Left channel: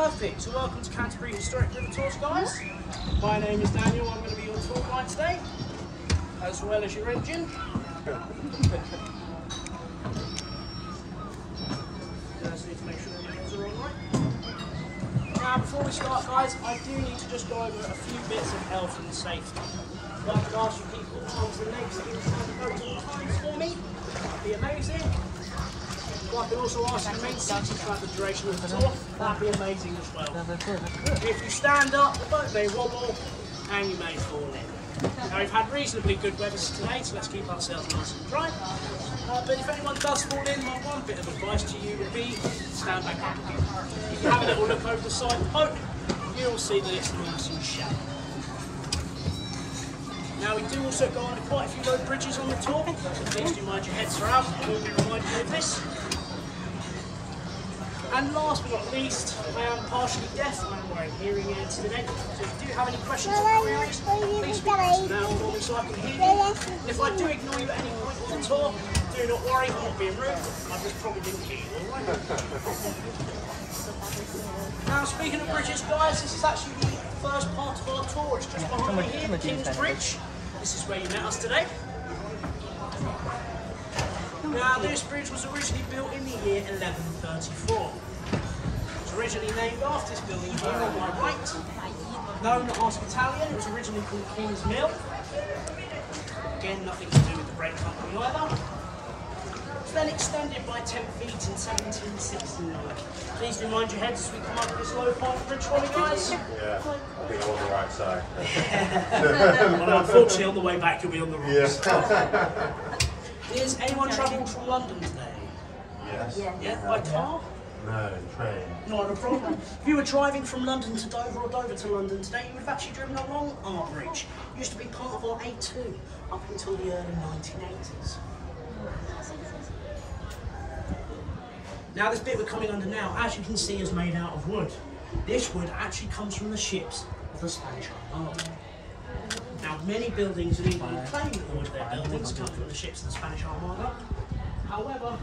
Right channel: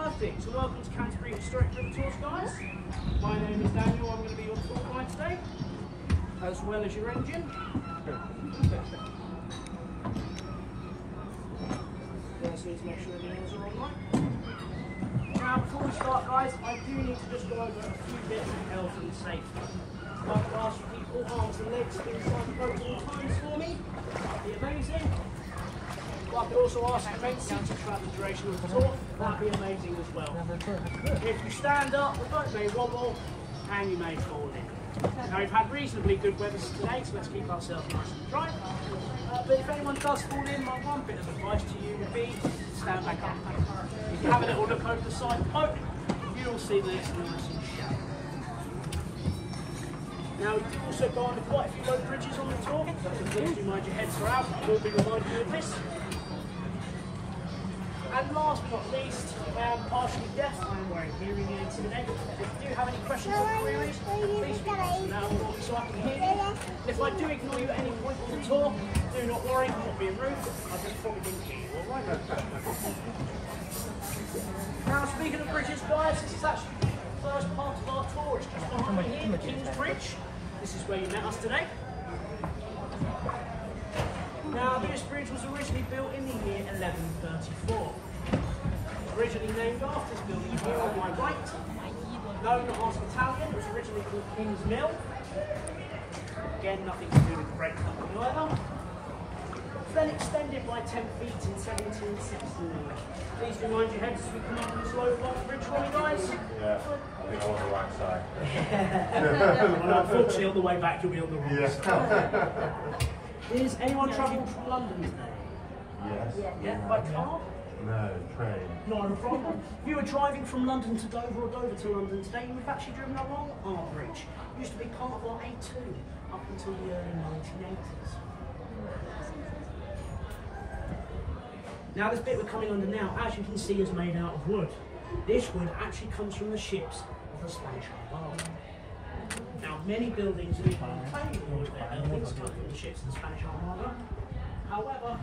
Perfect, so welcome to Canterbury Historic River Tours, guys. My name is Daniel, I'm going to be your tour guide today, as well as your engine. Just need to make sure the others are all right. Now, before we start, guys, I do need to just go over a few bits of health and safety. If I can ask you to keep all arms and legs inside the boat at all times for me, that'd be amazing. If I could also ask you to make seated throughout the duration of the tour, that'd be amazing as well. If you stand up, the boat may wobble and you may fall in. Now, we've had reasonably good weather today, so let's keep ourselves nice and dry. But if anyone does fall in, my one bit of advice to you would be stand back up again. If you have a little look over the side of the boat, you'll see that it's nice and shallow. Now, we do also go under quite a few boat bridges on the tour, so please do mind your heads throughout. I will be reminding you of this. And last but not least, I am partially deaf. I'm wearing hearing aids today. So if you do have any questions or queries, please speak nice and loud for me so I can hear you. If I do ignore you at any point on the tour, do not worry, I'm not being rude. I just probably didn't hear you, alright? Now, speaking of bridges, guys, this is actually the first part of our tour. It's just behind me here, the King's Bridge. This is where you met us today. Now, this bridge was originally built in the year 1134. It was originally named after this building here on my right, known as Battalion. It was originally called King's Mill. Again, nothing to do with the brake company either. It was then extended by 10 feet in 1769. Please do mind your heads as we come up this low part of the bridge for me, guys. Yeah, I think I'm on the right side. Well, unfortunately, on the way back, you'll be on the wrong side. Is anyone travelling from London today? Yes. Yeah, by car? No, train. Not a problem. If you were driving from London to Dover or Dover to London today, you would have actually driven along our bridge. It used to be part of our A2 up until the early 1980s. Now, this bit we're coming under now, as you can see, is made out of wood. This wood actually comes from the ships of the Spanish Armada. Now, many buildings in England claim that all of their buildings come from the ships of the Spanish Armada. However,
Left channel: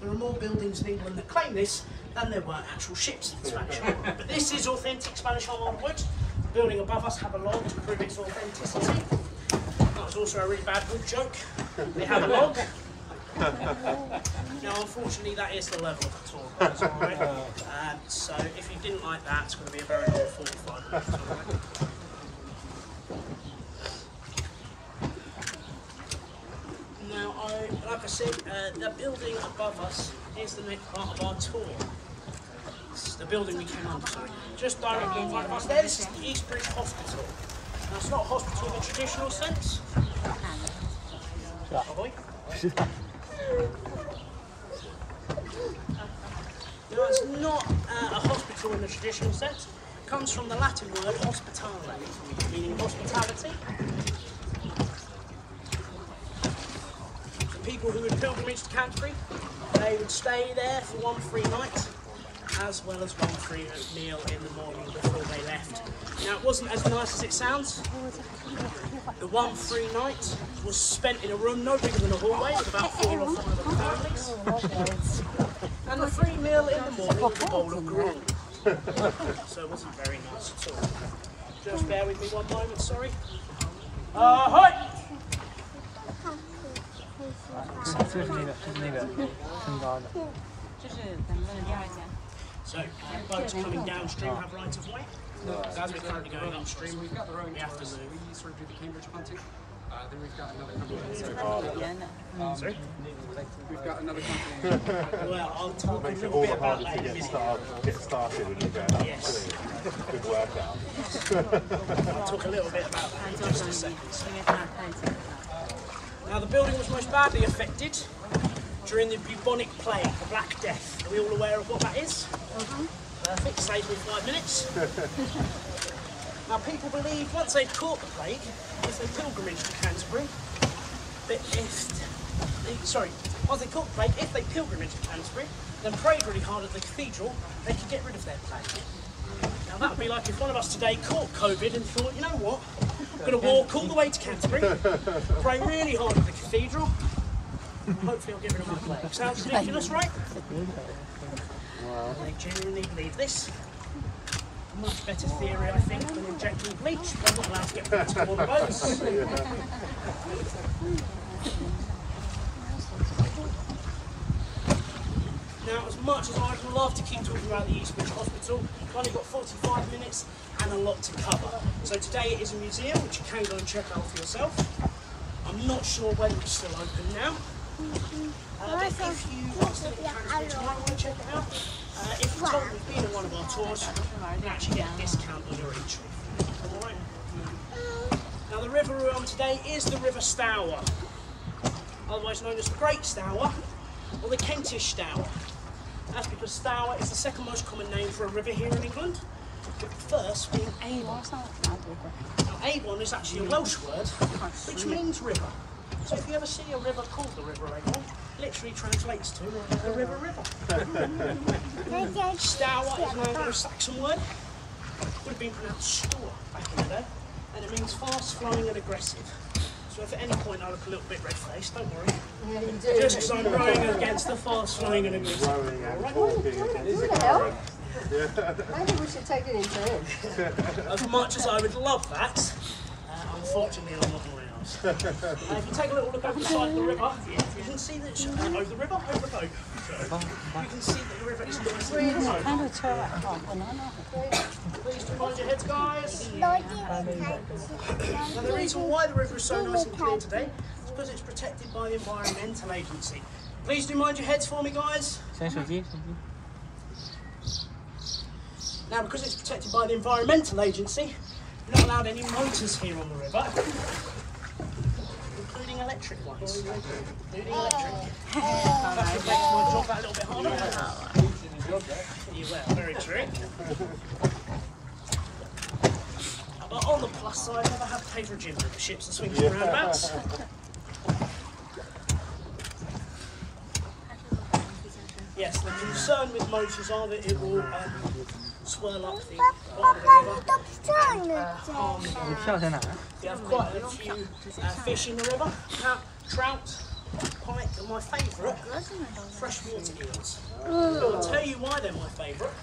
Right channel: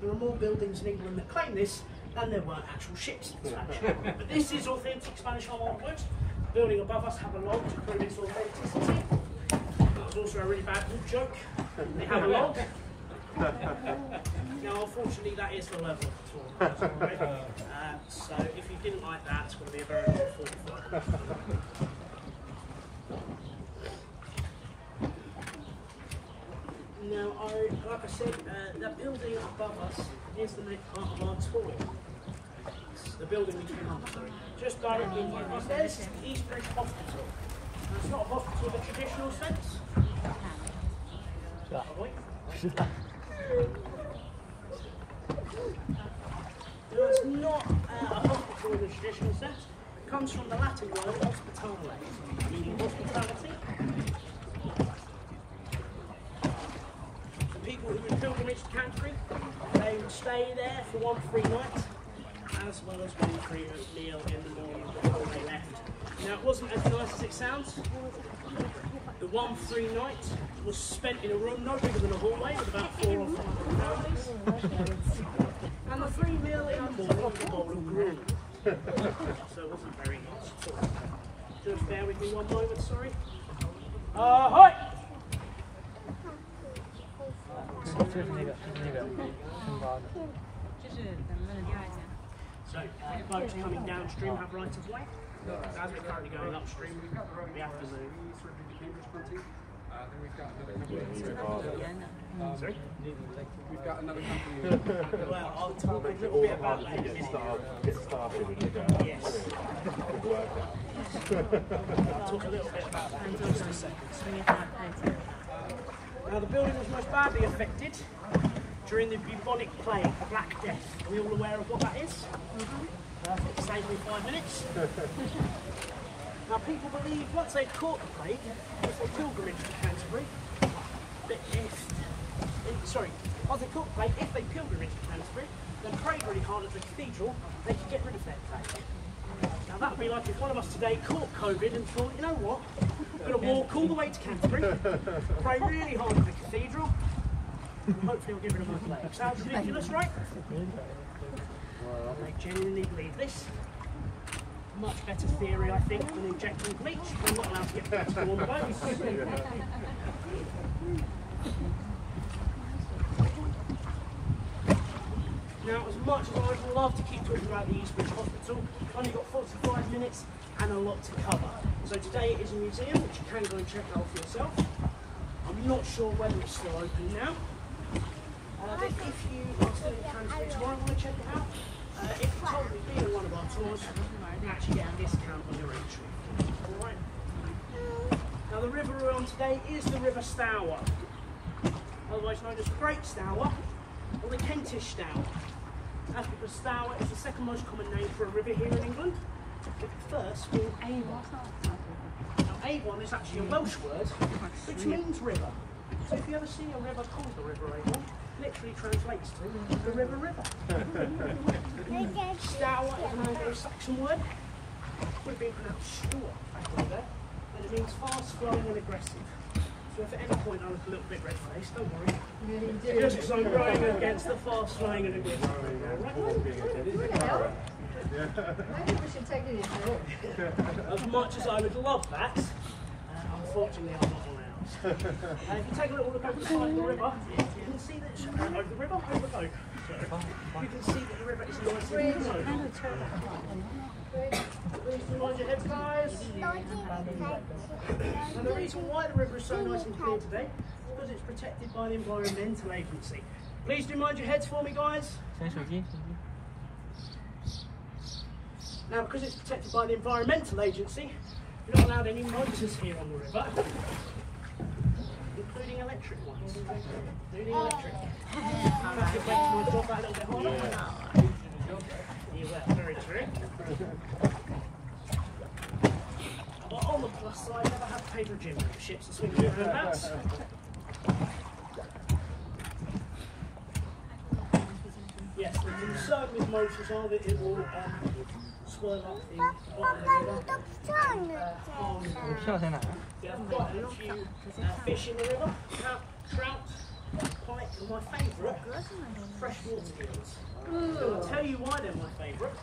there are more buildings in England that claim this than there were actual ships of the Spanish Armada. But this is authentic Spanish Armada wood. The building above us have a log to prove its authenticity. That was also a really bad wood joke. They have a log. Now, unfortunately, that is the level of the tour, guys, alright? So, if you didn't like that, it's going to be a very long 45 minutes, alright? Now, like I said, the building above us is the next part of our tour. It's the building we came under, sorry. Just directly in front of us there, this is the East Bridge Hospital. Now, it's not a hospital in the traditional sense. No, it's not a hospital in the traditional sense. It comes from the Latin word hospitale, meaning hospitality. People who would pilgrimage to Canterbury, they would stay there for one free night, as well as one free meal in the morning before they left. Now, it wasn't as nice as it sounds. The one free night was spent in a room no bigger than a hallway with about 4 or 5 other families. And the free meal in the morning was a bowl of gruel. So it wasn't very nice at all. Just bear with me one moment, sorry. Ahoy! So, boats coming downstream have right of way. As we're currently going upstream, we have to move. Sort of do the Cambridge punting. Then we've got another company. Sorry? We've got another company. Well, I'll talk a Makes it little all bit the about harder that to in a minute. get started when you're going up. Yes. Good workout. I'll talk a little bit about that in just a second. Now, the building was most badly affected during the bubonic plague, the Black Death. Are we all aware of what that is? Perfect, saves me 5 minutes. Now, people believe once they've caught the plague, if they pilgrimage to Canterbury, once they caught the plague, if they pilgrimage to Canterbury, then prayed really hard at the cathedral, they could get rid of their plague. Now, that would be like if one of us today caught COVID and thought, you know what, I'm going to walk all the way to Canterbury, pray really hard at the cathedral, and hopefully I'll get rid of my plague. Sounds ridiculous, right? Wow. They genuinely believe this. much better theory, I think, than injecting bleach. They're not allowed to get bleach on the boats. Now, as much as I would love to keep talking about the East Bridge Hospital, I've only got 45 minutes and a lot to cover. So today it is a museum, which you can go and check out for yourself. I'm not sure whether it's still open now. But if you are still in Canterbury tomorrow and want to check it out, if you told me being on one of our tours, you can actually get a discount on your entry. Alright? Now the river we're on today is the River Stour, otherwise known as the Great Stour or the Kentish Stour. That's because Stour is the second most common name for a river here in England, with the first being Avon. Now Avon is actually a Welsh word which means river. So if you ever see a river called the River Avon, it literally translates to the River. Stour is an Anglo-Saxon word. Would have been pronounced stour back in the day, and it means fast flowing and aggressive. So if at any point I look a little bit red-faced, don't worry. Just because I'm rowing against the fast flowing and aggressive. I think we should take it into it. As much as I would love that, unfortunately I'm not allowed. If you take a little look over the side of the river, you can see that over the river, over the boat. You can see that the river is nice and slow. Please do mind your heads, guys. And the reason why the river is so nice and clear today is because it's protected by the Environmental Agency. Please do mind your heads for me, guys. Now, because it's protected by the Environmental Agency, we're not allowed any motors here on the river, including electric ones. Including electric. That could make my job that a little bit harder. Yeah, very true. But on the plus side, I never have to pay for a gym memberships and swings and roundabouts. Yes, the concern with motors are that it will swirl up the bottom of the river, harm the river. We have quite a few fish in the river, trout, pike, and my favourite, freshwater eels. I'll tell you why they're my favourite.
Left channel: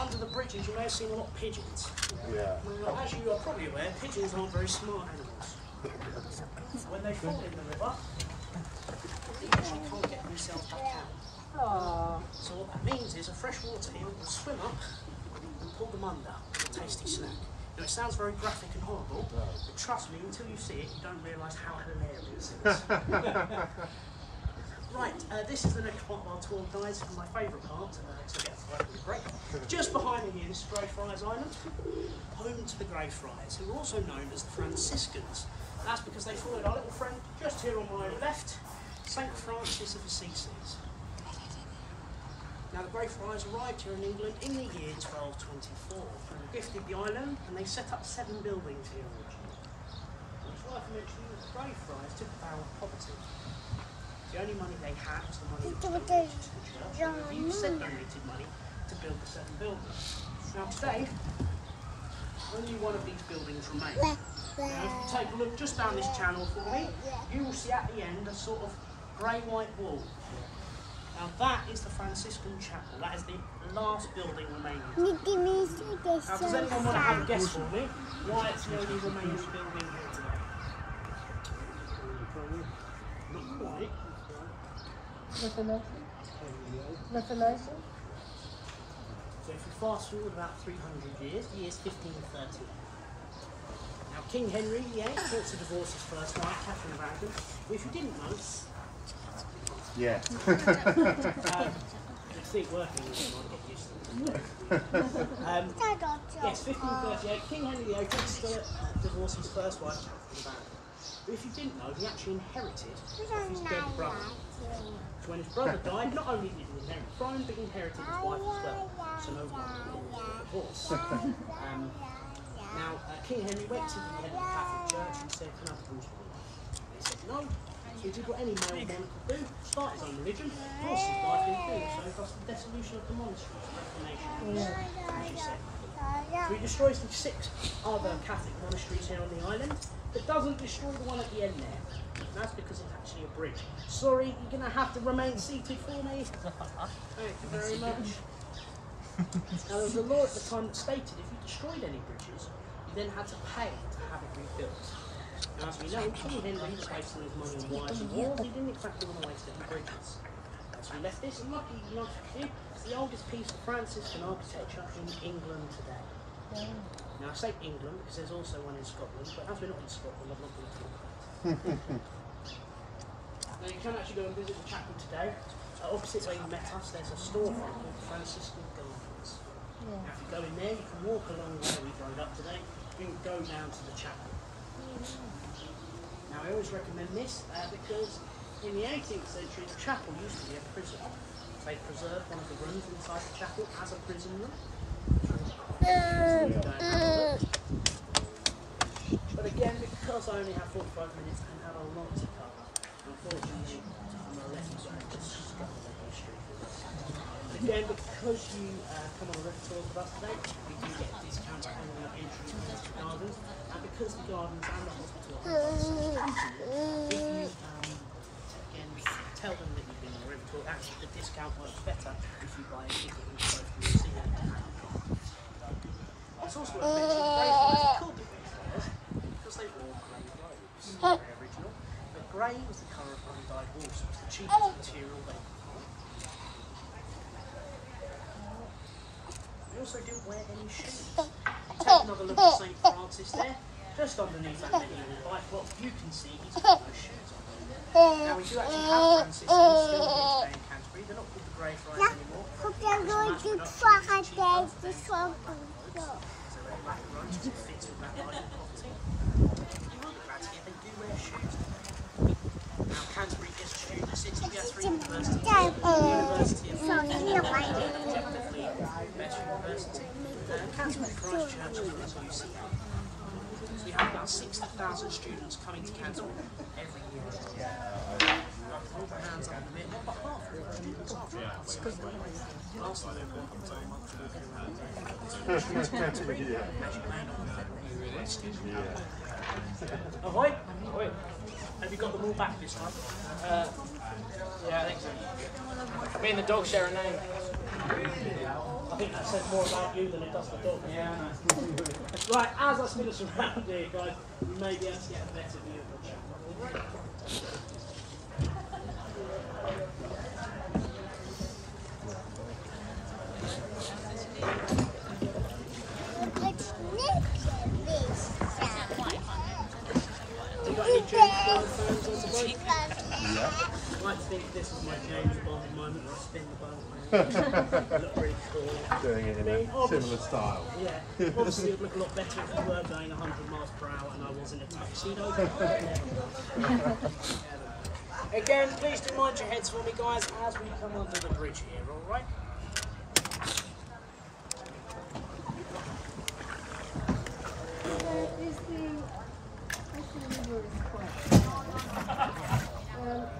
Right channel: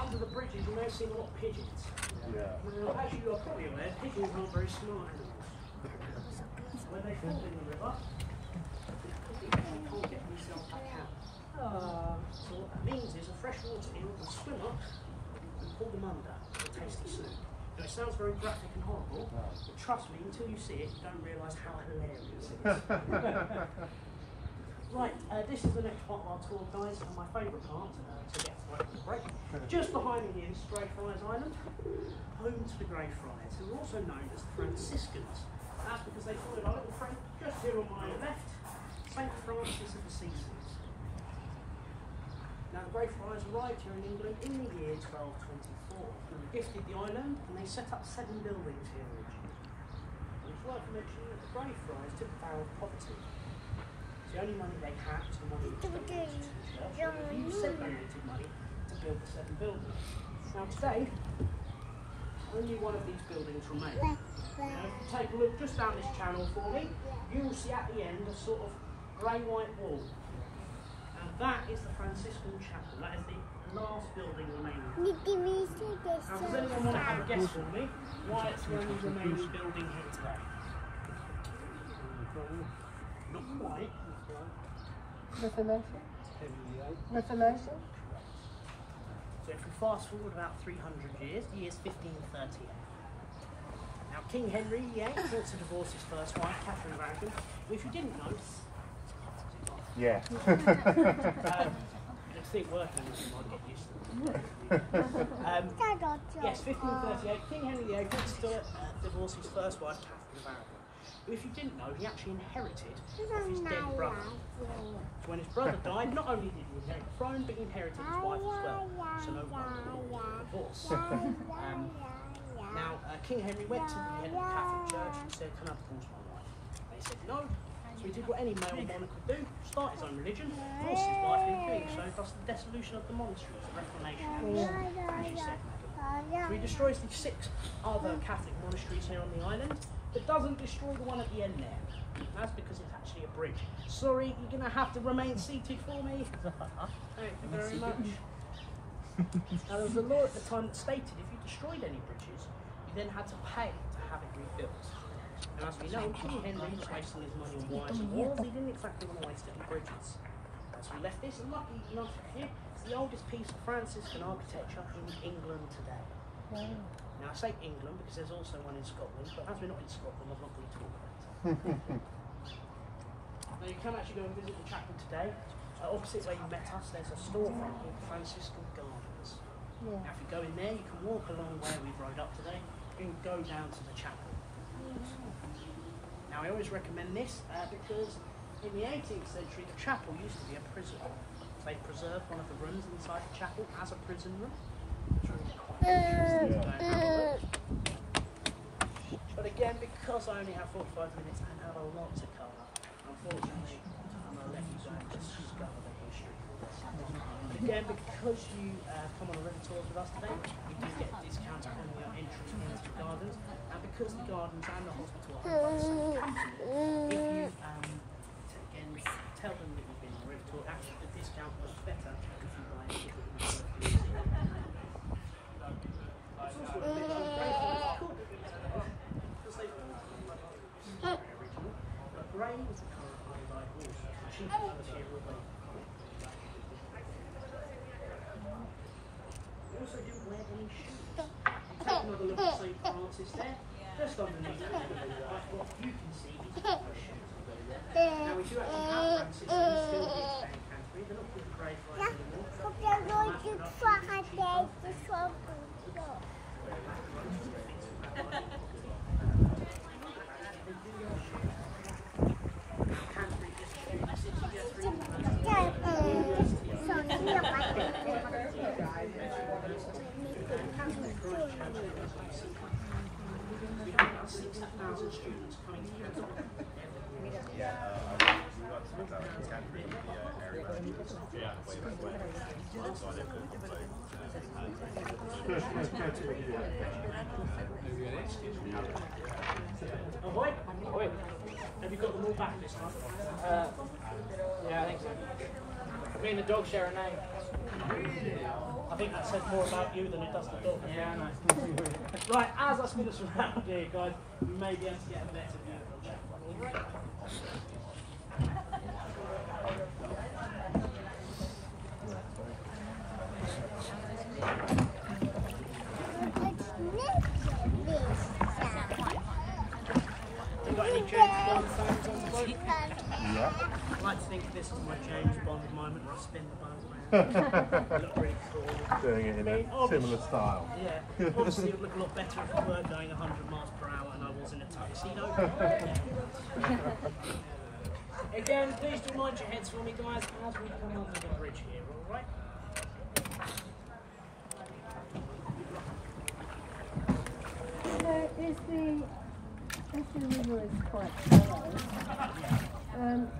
Under the bridges you may have seen a lot of pigeons. Now, as you are probably aware, pigeons aren't very smart animals. When they fall in the river, they usually can't get themselves back out. So what that means is a freshwater eel will swim up and pull them under for a tasty snack. Now it sounds very graphic and horrible, but trust me, until you see it, you don't realise how hilarious it is. Right, this is the next part of our tour, guys, and my favourite part, to get a 5-minute break. Just behind me here is Greyfriars Island, home to the Greyfriars, who are also known as the Franciscans. And that's because they followed our little friend just here on my left, St Francis of Assisi. Now the Greyfriars arrived here in England in the year 1224 and gifted the island, and they set up 7 buildings here originally. And it's worth mentioning that the Greyfriars took a vow of poverty. The only money they had was the money that was donated to the church. They used said donated money to build the 7 buildings. Now today, only one of these buildings remains. Now if you take a look just down this channel for me, you will see at the end a sort of grey-white wall. Now that is the Franciscan Chapel. That is the last building remaining. Now does anyone want to have a guess for me why it's the only remaining building here today? Reformation. So if we fast forward about 300 years, the year's 1530. Now King Henry VIII wants to divorce his first wife, Catherine Dragon. If you didn't know, Yeah. see it working, yes, 1538, King Henry VIII wants to divorce his first wife, Catherine Dragon. But if you didn't know, he actually inherited his dead brother. So when his brother died, not only did he inherit the throne, but he inherited his wife as well. So no divorce. Now, King Henry went to the Catholic Church and said, can I divorce my wife? They said no. So he did what any male man could do, start his own religion, divorce his wife in doing so, thus the dissolution of the monasteries, Reformation, as you said. So he destroys the 6 other Catholic monasteries here on the island, but doesn't destroy the one at the end there. That's because it's actually a bridge. Sorry, you're going to have to remain seated for me. Thank you very much. Now, there was a law at the time that stated if you destroyed any bridges, you then had to pay to have it rebuilt. Now, as we know, King Henry was wasting his money on wives and wars, he didn't exactly want to waste it on bridges. So he left this, and like it's the oldest piece of Franciscan architecture in England today. Now, I say England because there's also one in Scotland, but as we're not in Scotland, I'm not going to tell you that. Now, you can actually go and visit the chapel today. Opposite where you met us, there's a storefront called Franciscan Gardens. Now, if you go in there, you can walk along where we rode up today, and go down to the chapel. Now, I always recommend this because in the 18th century, the chapel used to be a prison. They preserved one of the rooms inside the chapel as a prison room. But again, because I only have 45 minutes and have a lot to cover, unfortunately, again, because you come on the tour with us today, we do get a discount on your entrance to the gardens, and because the gardens and the hospital are on the same if you again tell them that you've been on the Rev tour, actually the discount works better if you buy a ticket and go through the city. It's also a mention cool because they've all grey original, but grey was the colour of undyed horse, was the cheapest material they could find. Also didn't wear any shoes. Take another look at St. Francis there, just underneath the what you can see is no shoes. Now we do actually have Francis still here today in Canterbury. They're not called the Grey Friars anymore. So we're black and orange because it fits with that line of property. They do wear shoes. Now Canterbury is a student city, we have 3 universities. University of University. Canterbury Christ Church is UC. We have about 60,000 students coming to Canterbury every year. Hands up a bit on behalf of the students after last time they were so much Ahoy! Ahoy! Have you got them all back this time? Yeah, I think so. Me and the dog share a name. I think it says more about you than it does the dog. Yeah, I know. Right, as I spin us around here, guys, you may be able to get a better view of the chapel. I like to think this was my James Bond moment. I spin the boat. Look really cool. Doing it in a similar style. Yeah, obviously it would look a lot better if we were going 100 miles per hour and I was in a tuxedo. Again, please do mind your heads for me, guys, as we come under the bridge here, alright? Where is the river spot?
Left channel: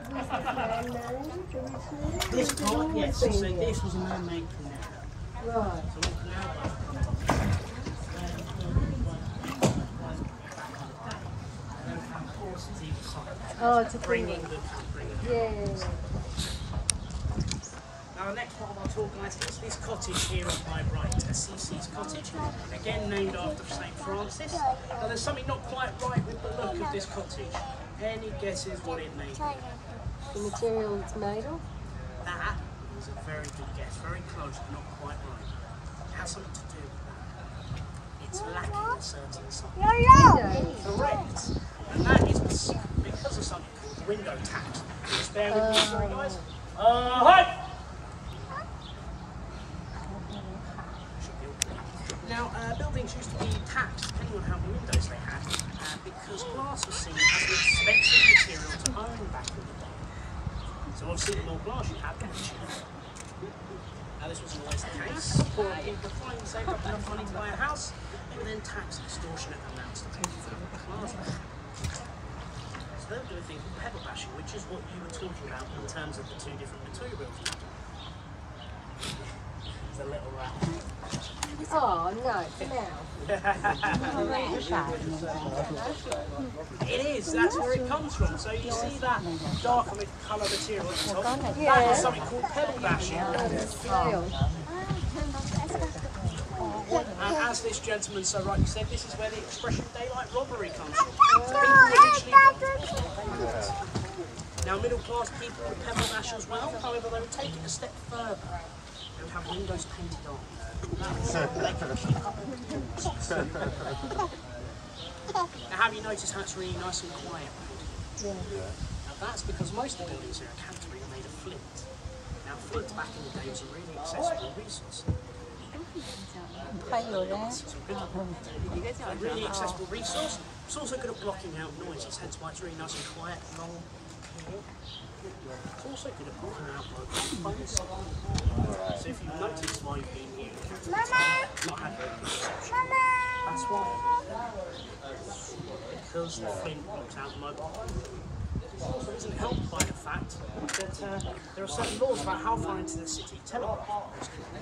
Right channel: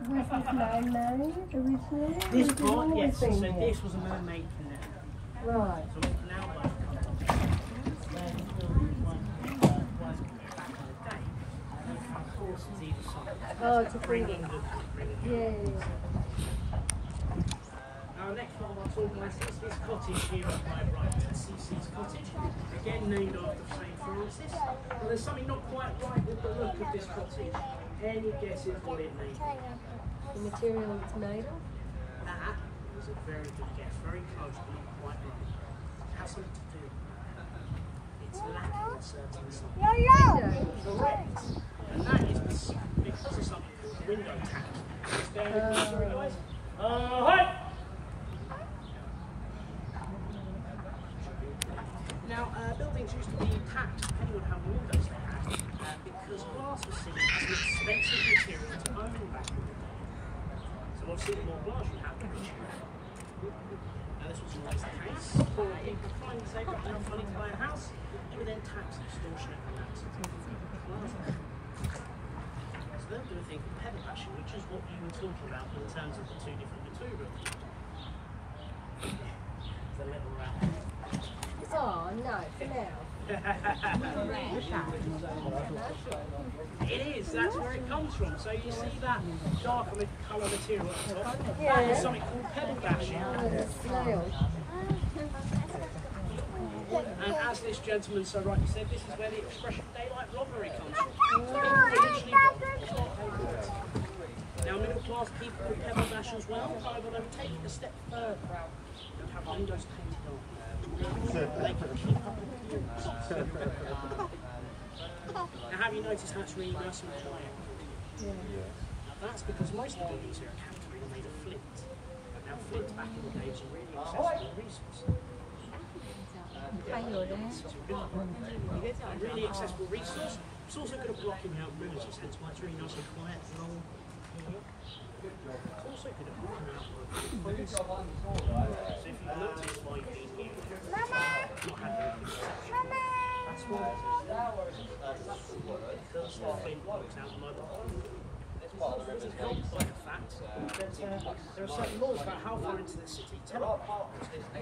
Was this man-made originally? This part, yes, so this was a man-made canal. Right. So the canal Oh, it's a bringing the yeah. Now, next part of our tour, guys, is this cottage here on my right, Assisi's Cottage, again named after St. Francis. Now, there's something not quite right with the look of this cottage. Any guesses what it may be? The material it's made of? That is a very good guess, very close, but not quite right. It has something to do with that. It's lacking a certain something. Correct. And that is because of something called window tax. Just bear with me, sorry guys. Hi! Now, buildings used to be taxed depending on how many windows they had, because glass was seen as an expensive material to own back in the day. So obviously the more glass you had, the cheaper. Now this wasn't always the case. Poor people finally saved up enough money to buy a house, and then tax extortionate amounts to pay for the glass. So they'll do a thing called pebble bashing, which is what you were talking about in terms of the 2 different materials. There's a little Oh, no, It is, that's where it comes from. So you see that darker with colour material at the top? Yeah. That is something called pebble bashing. And as this gentleman so rightly said, this is where the expression daylight robbery comes from. So people originally robbed off their pavements. Now middle class people would pepper dash as well, however they would take it a step further. They would have windows painted on. That way they could keep up appearances. Now have you noticed how it's really nice and quiet? Yeah. Now that's because most of the buildings here at Canterbury are made of flint. Now flint back in the day was a really accessible resource. A really accessible resource. It's also good at blocking out noises, hence why it's really nice and quiet and long. It's also good at blocking out phones. So if you've noticed while you've been here, not had very good reception. That's why. Because the flint blocks out the mobile phone. This also isn't helped by the fact that there are certain laws about how far into the city telegraph lines can be.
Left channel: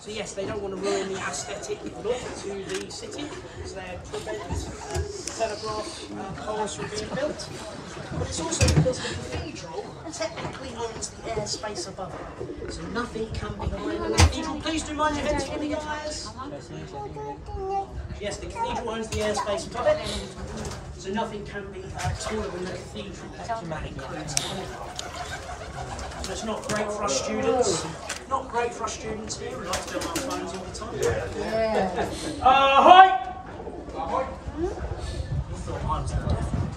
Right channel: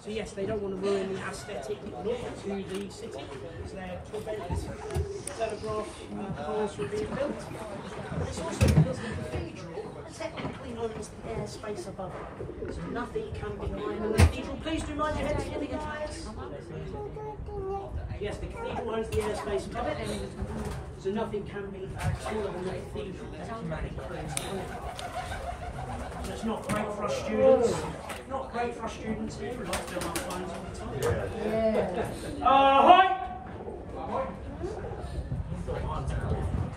So yes, they don't want to ruin the aesthetic look to the city, so they prevent telegraph poles from being built. It's also because the cathedral technically owns the airspace above it, so nothing can be higher than the cathedral. Please do mind your heads for me, guys. Yes, the cathedral owns the airspace above it, so nothing can be taller than the cathedral. So it's not great for us students. Not great for us students here who like to be on our phones all the time. Yeah. Ahoy! You thought I was the deaf one.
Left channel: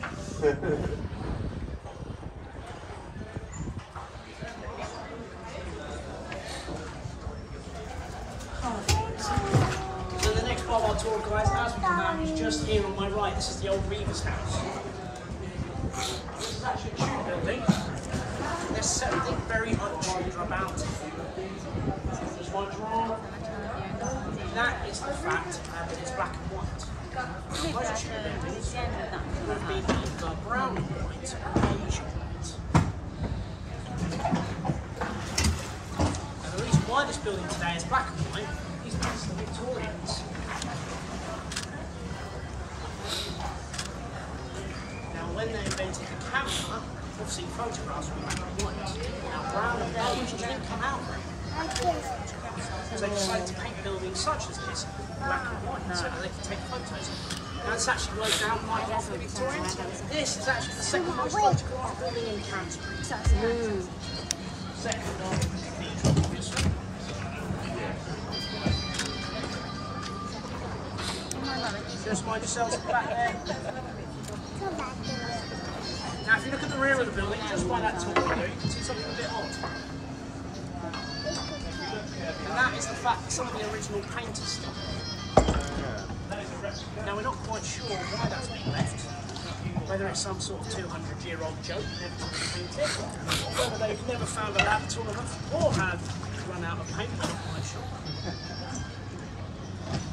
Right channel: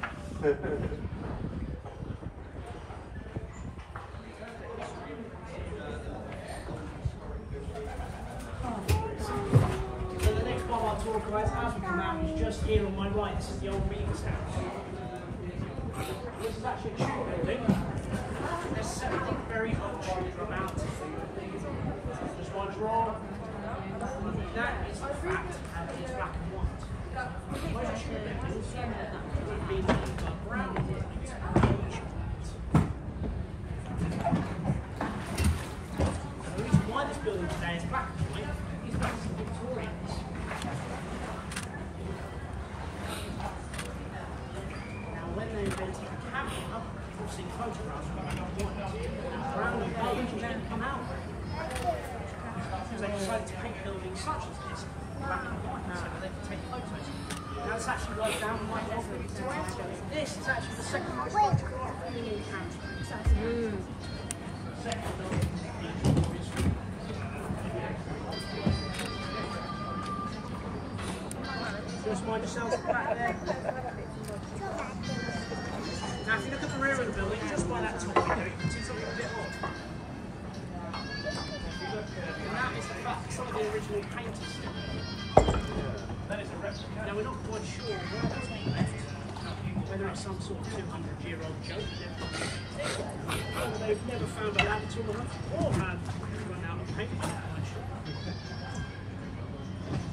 So the next part of our tour, guys, as we come out, is just here on my right. This is the old Reaver's house. This is actually a Tudor building. There's something very un-Tudor about it. There's one drawer. That is the fact that it's black and white. Most Tudor buildings would have been either brown and white or beige and white. And the reason why this building today is black and white is because of the Victorians. Now when they invented the camera, obviously photographs were black and white. Now brown and beige didn't come out very well. So they decided to paint buildings such as this black and white so that they could take photos of them. Now this actually worked out quite well for the Victorians. This is actually the second most photographed building in Canterbury. Second on the cathedral, obviously. Just mind yourselves back there. Now if you look at the rear of the building, just by that top window, you can see something a bit odd. And that is the fact that some of the original painters still Now we're not quite sure why that's been left. Whether it's some sort of 200-year-old joke, never to be painted, whether they've never found a lab tall enough, or had run out of paint, we're not quite sure.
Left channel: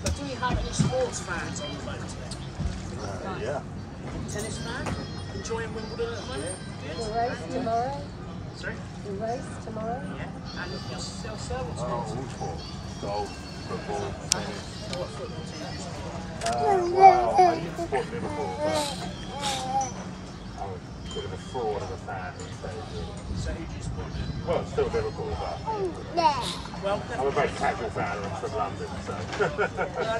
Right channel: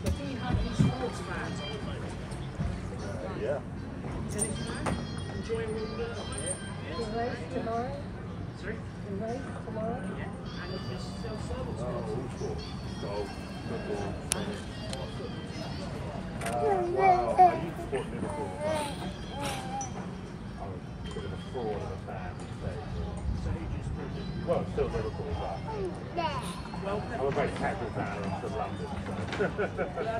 But do we have any sports fans on the phone today? Yeah. Tennis fan? Enjoying Wimbledon at the moment? The race tomorrow. Sorry? The race tomorrow. Yeah. And yourself, sir? What's Oh, next? all sports. Golf, football, tennis. What football team? Well, I used to support Liverpool, but I was a bit of a fraud of a fan and So who do you support? well, still Liverpool, but Well, I'm a very casual fan and I'm from London, so.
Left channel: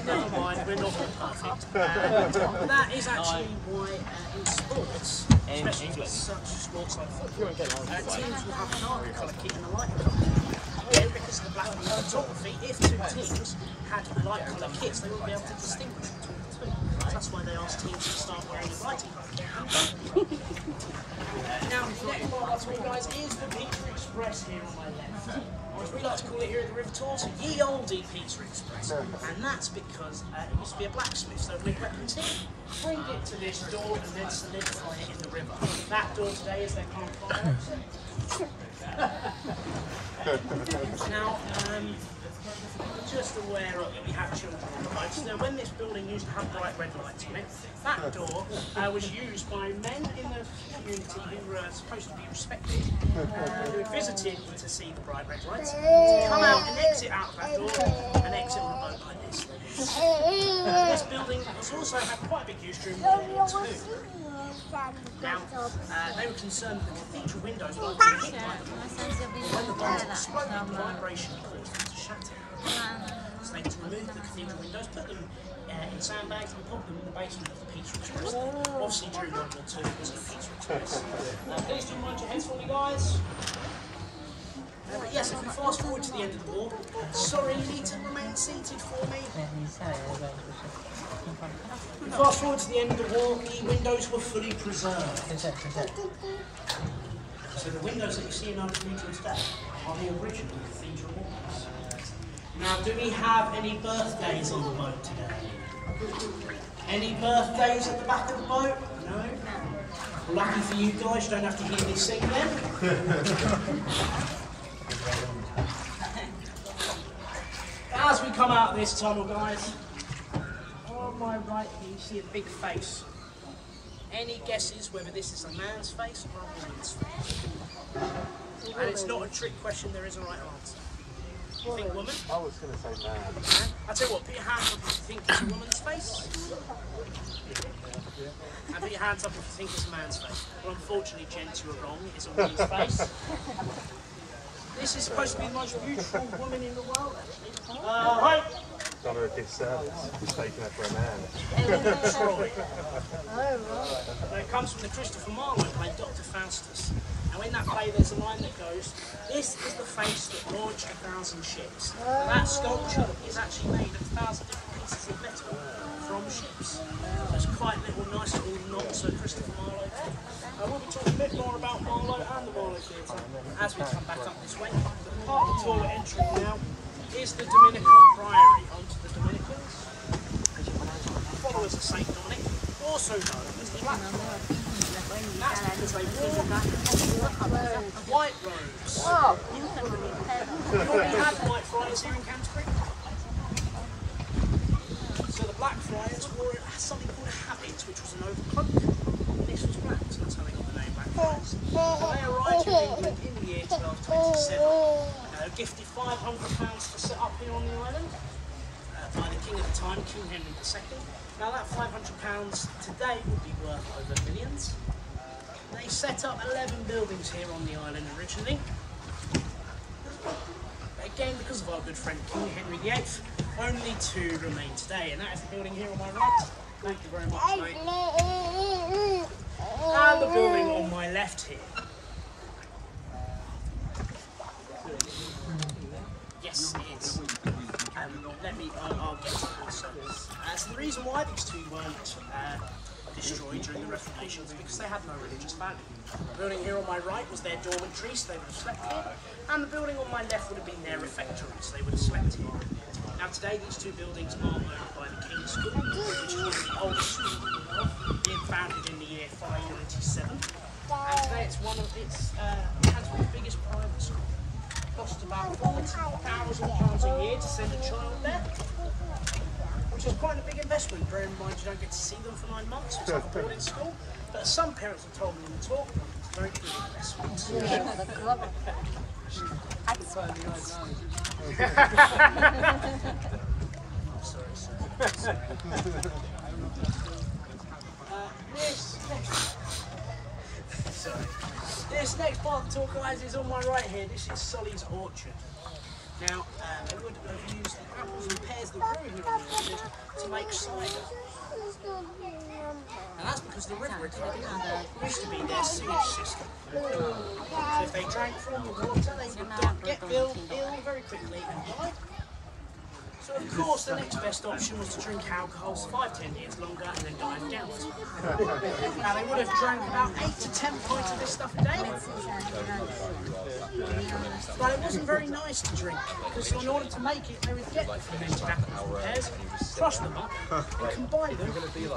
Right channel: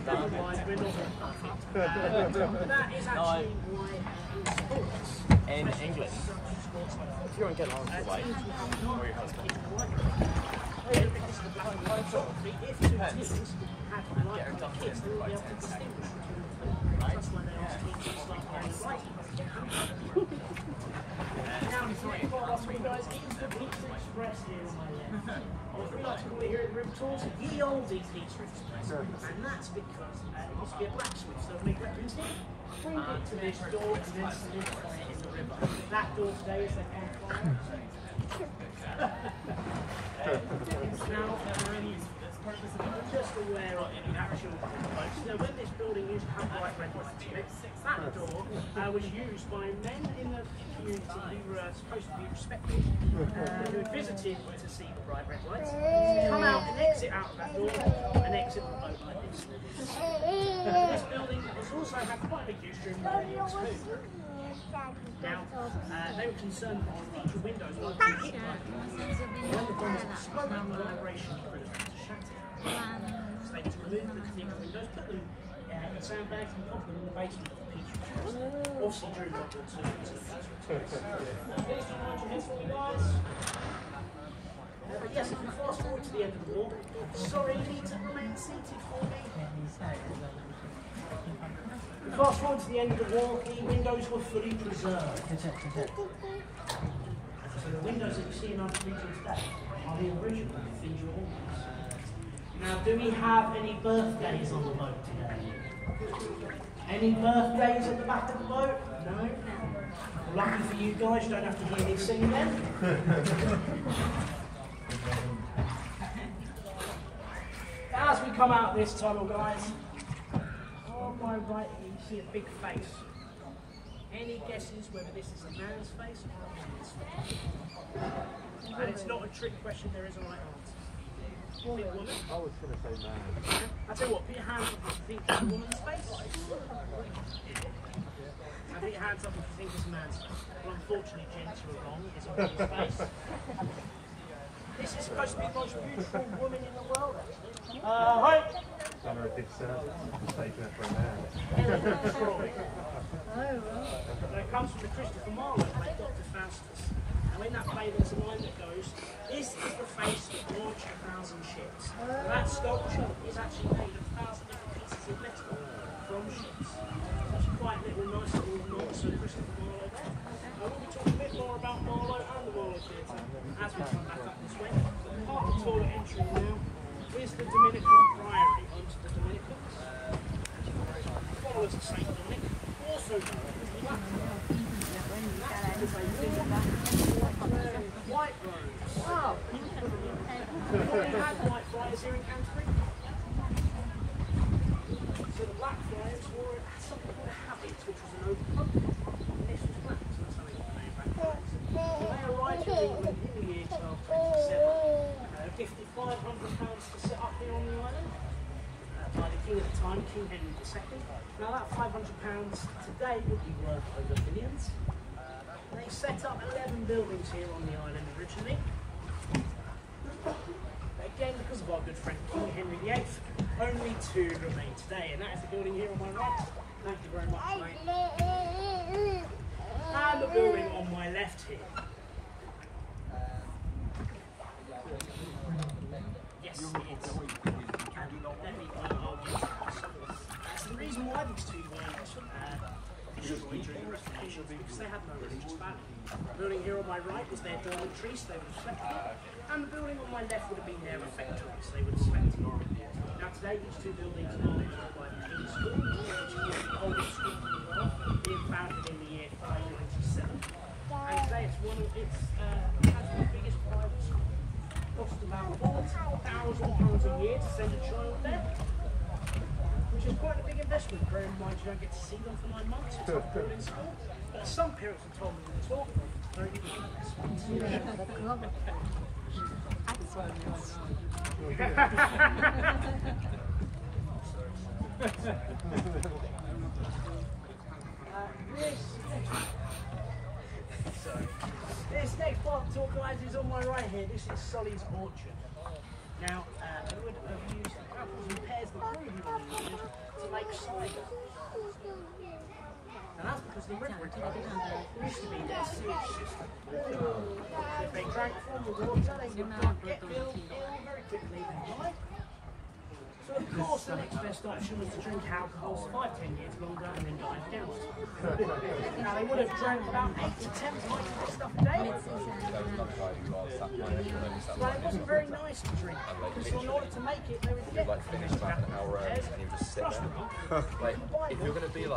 never mind, we're not all perfect. That is actually why in sports, especially with such sports like football, teams will have a darker colour kit and a lighter colour kit. Because of the black and white photography, if two teams had light colour kits, they wouldn't be able to distinguish between the two. So that's why they asked teams to start wearing a lighter colour kit. Now, the next part of our tour, guys, is the Pizza Express here on my left. Or as we like to call it here at the River Tours, ye olde Pizza Express. And that's because it used to be a blacksmith, so they'd make weapons here, bring it to this door and then solidify it in the river. That door today is their campfire. Now, just aware of the actual lights. Now, when this building used to have bright red lights on it, that door was used by men in the community who were supposed to be respected, who visited to see the bright red lights, come out and exit out that door and exit on a boat like this. This building It's also had quite a big history in World War II. Now, they were concerned that the cathedral windows were being hit by the bomb. When the bombs exploded, the vibration caused them to shatter. So they had to remove the cathedral windows, put them in sandbags and put them in the basement of the Peter's Church. Obviously, during World War II, it wasn't a Peter's Church. Please don't mind your heads for me, guys. But yes, if we fast forward to the end of the war, sorry, you need to remain seated for me. Fast forward to the end of the war, the windows were fully preserved. So the windows that you see in our cathedral today are the original cathedral windows. Now, do we have any birthdays on the boat today? Any birthdays at the back of the boat? No? Lucky for you guys, you don't have to hear me sing then. As we come out this tunnel, guys, on my right here you see a big face. Any guesses whether this is a man's face or a woman's face? And it's not a trick question, there is a right answer. You think woman? I was going to say man. I'll tell you what, put your hands up if you think it's a woman's face. And put your hands up if you think it's a man's face. Well, unfortunately, gents, you're wrong, it's a woman's face. This is supposed to be the most beautiful woman in the world, actually. Right. Done her a disservice, mistaken her for a man. Troy. It comes from the Christopher Marlowe play, Dr. Faustus. Now in that play there's a line that goes, "This is the face that launched 1,000 ships." Now that sculpture is actually made of 1,000 different pieces of metal from ships. So it's quite a little nice little nod to Christopher Marlowe. I want to talk a bit more about Marlowe and the Marlowe Theatre as we come back up this way. The part of the tour we're entering now is the Dominican Priory. Onto the Dominicans, followers of St. Dominic, also known as the Black Friars. And that's because they wore white robes. You already had white friars here in Canterbury. So the Black Friars wore something called a habit, which was an overcoat. This was black, so that's how they got the name Black Friars. So they arrived in England in the year 1227. Gifted £500 to set up here on the island by the king at the time, King Henry II. Now that £500 today would be worth over millions. They set up 11 buildings here on the island originally. Again, because of our good friend King Henry VIII, only 2 remain today, and that is the building here on my right. Thank you very much, mate. And the building on my left here. Yes, it is. I'll get to that. So the reason why these 2 weren't destroyed during the Reformation is because they had no religious value. The building here on my right was their dormitory, so they would have slept here, and the building on my left would have been their refectory, so they would have slept here. Now today these 2 buildings are owned by the King's School, which is one of the oldest schools in the world, being founded in the year 597, and today it's one of its Canterbury's biggest private schools. Cost about £40,000 a year to send a child there, which is quite a big investment, bearing in mind you don't get to see them for 9 months, it's like going in school. But some parents have told me in the talk, it's a very good investment. Sorry, sir. This next part of the tour, guys, is on my right here. This is Solly's Orchard. Now, they would have used the apples and pears that grew here on the orchard to make cider. And that's because the river used to be their sewage system. So if they drank from the water, they would get ill very quickly and die. So of course the next best option was to drink alcohol, survive 10 years longer and then die of gout. Now they would have drank about 8 to 10 pints of this stuff a day. But it wasn't very nice to drink, because in order to make it, they would get the fermented apples and pears, crush them up, and combine them with the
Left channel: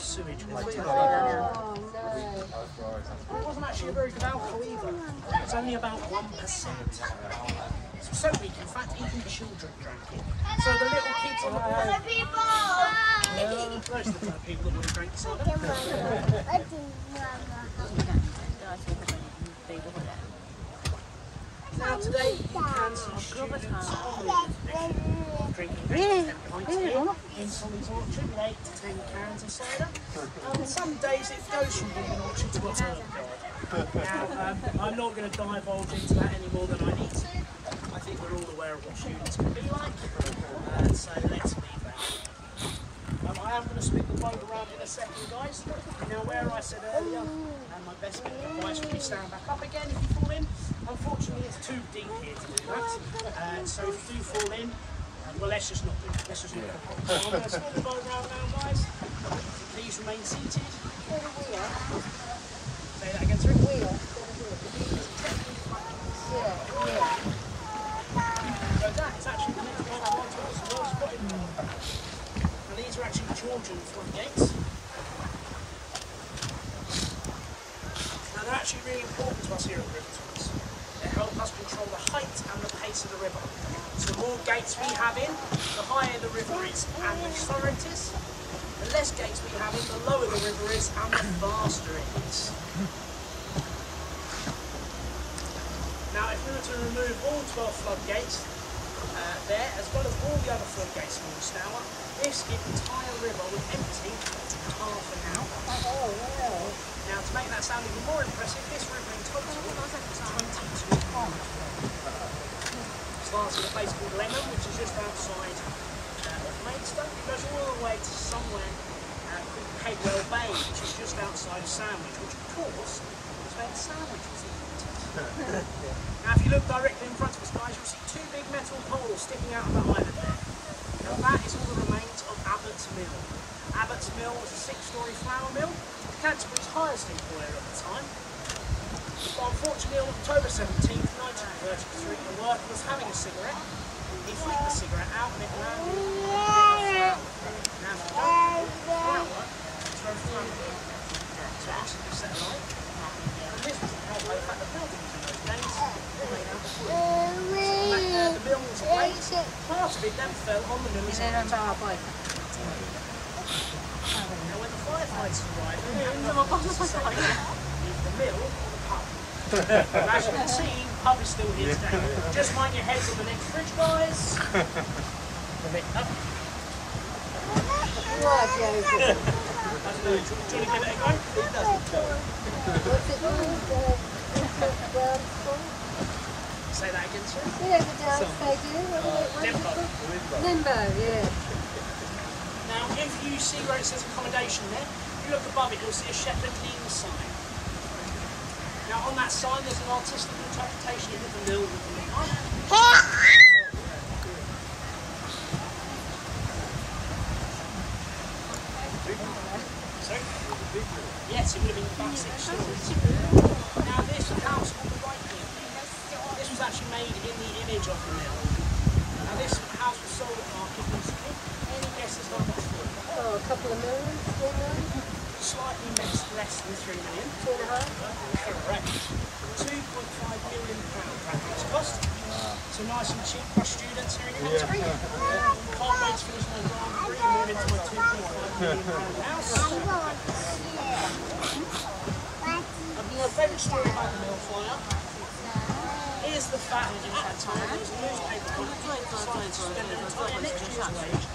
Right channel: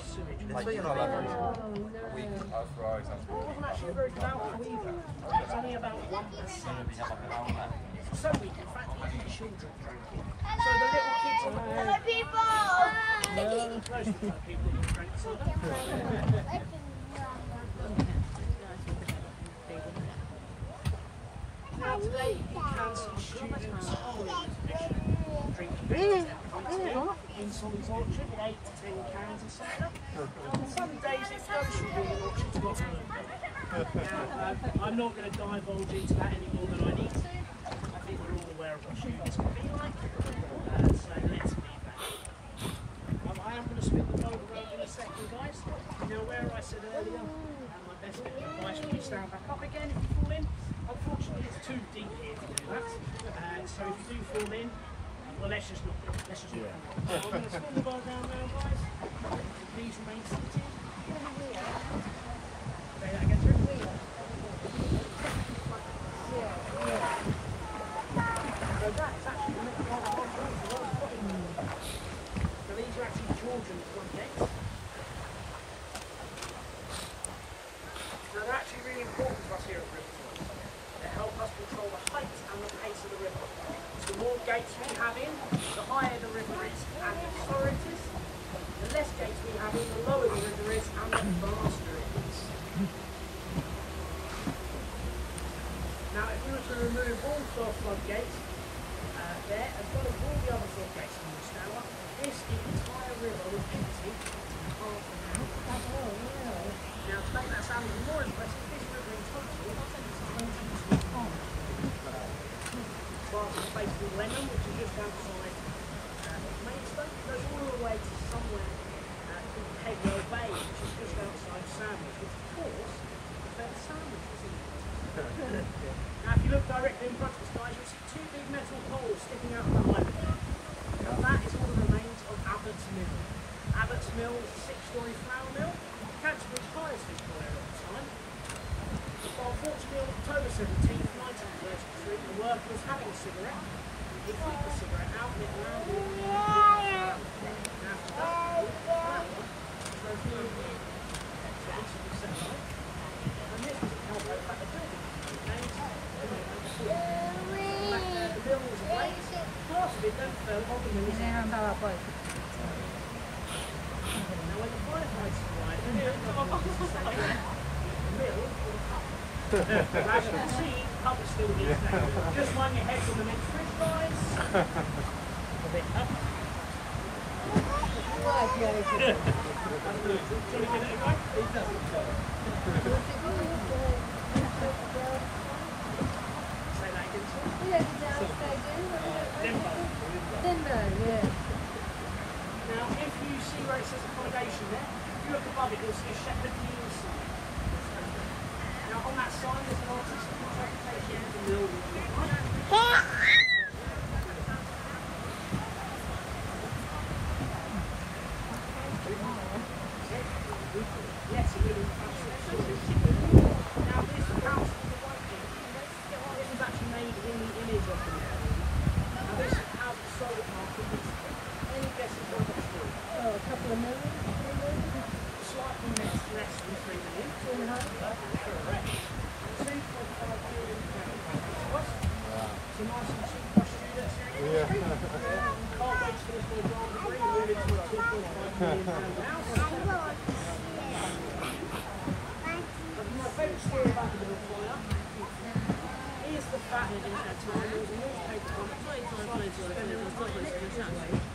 sewage. And it wasn't actually a very good alcohol either. It was only about 1%. It's so weak, in fact, even children drank it. So the little kids on the plane... Those are the type of people that would have drank cider. Now today you can see students on the drinking 10 pints a year in Solly's Orchard with 8 to 10 cans of cider. On some days it goes from being an orchard to a herb garden. Now, I'm not going to divulge into that any more than I need to. I think we're all aware of what students can be like, so let's leave that. I am going to split the boat around in a second, guys. Now, where I said earlier, my best bit of advice would be stand back up again if you fall in. Unfortunately, it's too deep here to do that. So if you do fall in, well, let's just not do it. Let's just not do it. So I'm going to split the boat around now, guys. Please remain seated. Say that again, sorry. So that is actually the next part of our tour, so well spotted. Now these are actually Georgian floodgates. Now they're actually really important to us here at River Tours. They help us control the height and the pace of the river. So the more gates we have in, the higher the river is and the slower it is. The less gates we have in, the lower the river is and the faster it is. Now if we were to remove all 12 floodgates there, as well as all the other floodgates in the Stour, this entire river would empty in half an hour. Now to make that sound even more impressive, this river in total is 22 kilometres. Starts at a place called Lemon, which is just outside of Maidstone. It goes all the way to somewhere called Cadwell Bay, which is just outside Sandwich, which of course is where the sandwich was invented. Now if you look directly in front of us, guys, you'll see two big metal poles sticking out of the island. Now that is all the remains of Abbott's Mill. Abbott's Mill was a 6-storey flour mill, Canterbury's highest employer at the time. But unfortunately on October 17th, 1933, the worker was having a cigarette. He flicked the cigarette out and it landed on a bit of flour. Now if you don't know, flour is very flammable. So obviously we set a light. And this was the help fact the building in those days made out of wood. So the mill was ablaze. Part of it then fell on the mill's end. Now when the firefighters arrived, they only had one to say, the mill or the pub. And as you can see, the pub is still here today. Just mind your heads on the next bridge, guys. Say that again, sir. Limbo, yeah. Now, if you see where it says accommodation there, if you look above it, you'll see a Shepherd Inn sign. Now, on that sign, there's an artistic interpretation of the mill. Yes, it would have been about 6 stories. Now, this house, this was actually made in the image of the mill. Now, this house was sold at the market. Any guesses how much for it? Oh, a couple of million? Slightly less than 3 million. 2.5? Correct. £2.5 million that was cost. So nice and cheap for students here in Canterbury. Can't wait to finish my drama degree and move into my £2.5 million house. My favourite story about the mill fire is the fact that at the time there was a newspaper company that decided to spend their entire next year's wage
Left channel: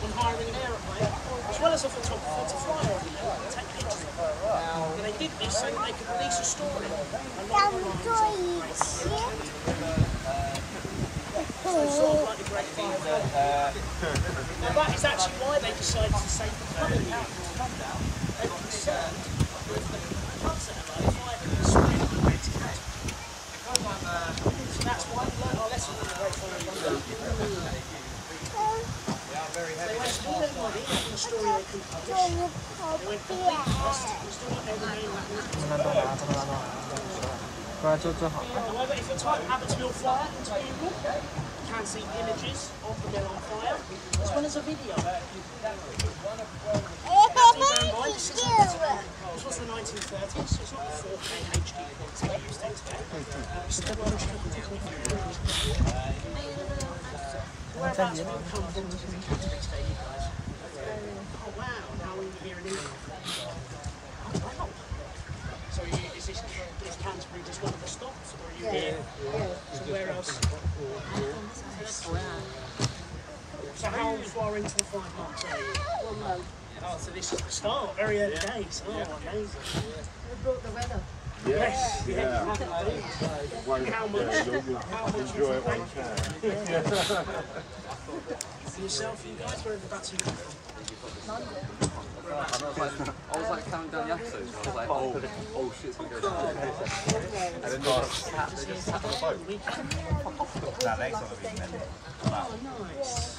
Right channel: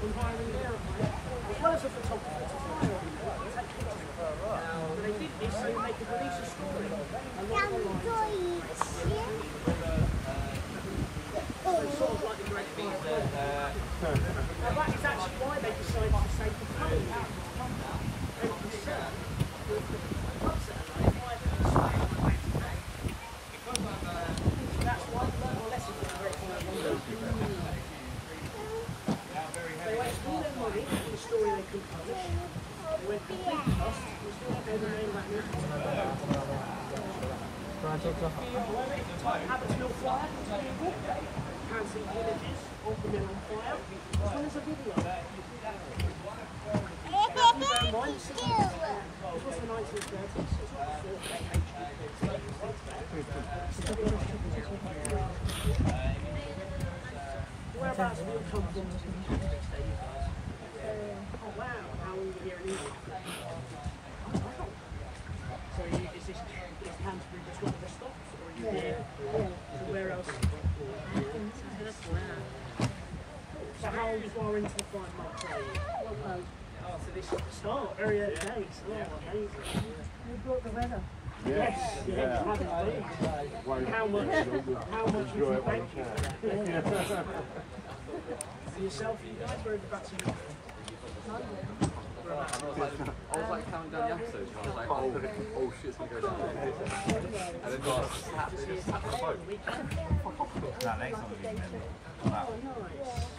on hiring an aeroplane, as well as a photographer, to fly over the mill and take pictures of it. And they did this so that they could release a story along the lines of the Great Fire of 20. So sort of like the Great Fire of London. Now that is actually why they decided to save the pub in the end. They were concerned with the pubs that are like fire being sprayed in Great Fire. So that's why we learned our lesson from the Great Fire of London. They wasted all their money on a story they couldn't publish. They went complete bust and still not know the name of that newspaper. However, if you type Abbott's Mill fire into Google, you can see images of the mill on fire, as well as a video. Now, do bear in mind, this was the 1930s, so it's not the 4K HD quality we used in today. It's still whereabouts we all come from to visit Canterbury today, you guys? Oh wow, and how long are you here in England? Oh wow. So is Canterbury just one of the stops, or are you here? So where else? how far into the 5 months are you? 1 month. Oh, so this is the start, very early days. Oh, amazing. You brought the weather. Yes, yeah, you have indeed. And how much you can thank you. For yourself, you guys, where have you got to come from? London. I was like counting down the episodes. I was like, oh shit, it's going to go down. And then Oh, nice.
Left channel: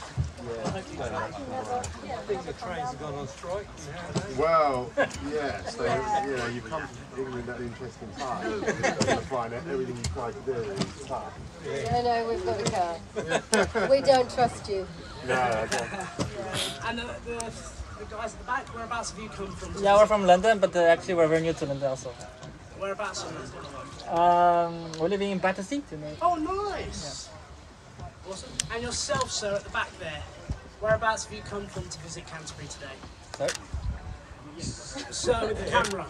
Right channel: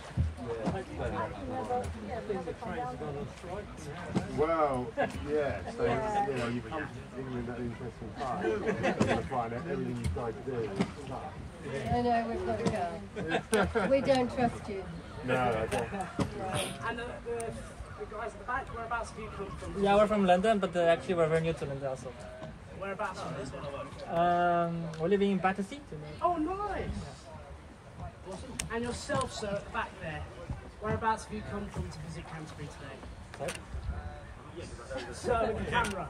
Well, yeah, so, you know, you come to England at an interesting time. You find out everything you try to do is tough. No, we've got a car. We don't trust you. No, I don't. And the guys at the back, whereabouts have you come from? Yeah, we're from London, but actually we're very new to London also. Whereabouts in London? We're living in Battersea. Oh, nice. Awesome. And yourself, sir, at the back there. Whereabouts have you come from to visit Canterbury today? Sorry? Sir, with the camera.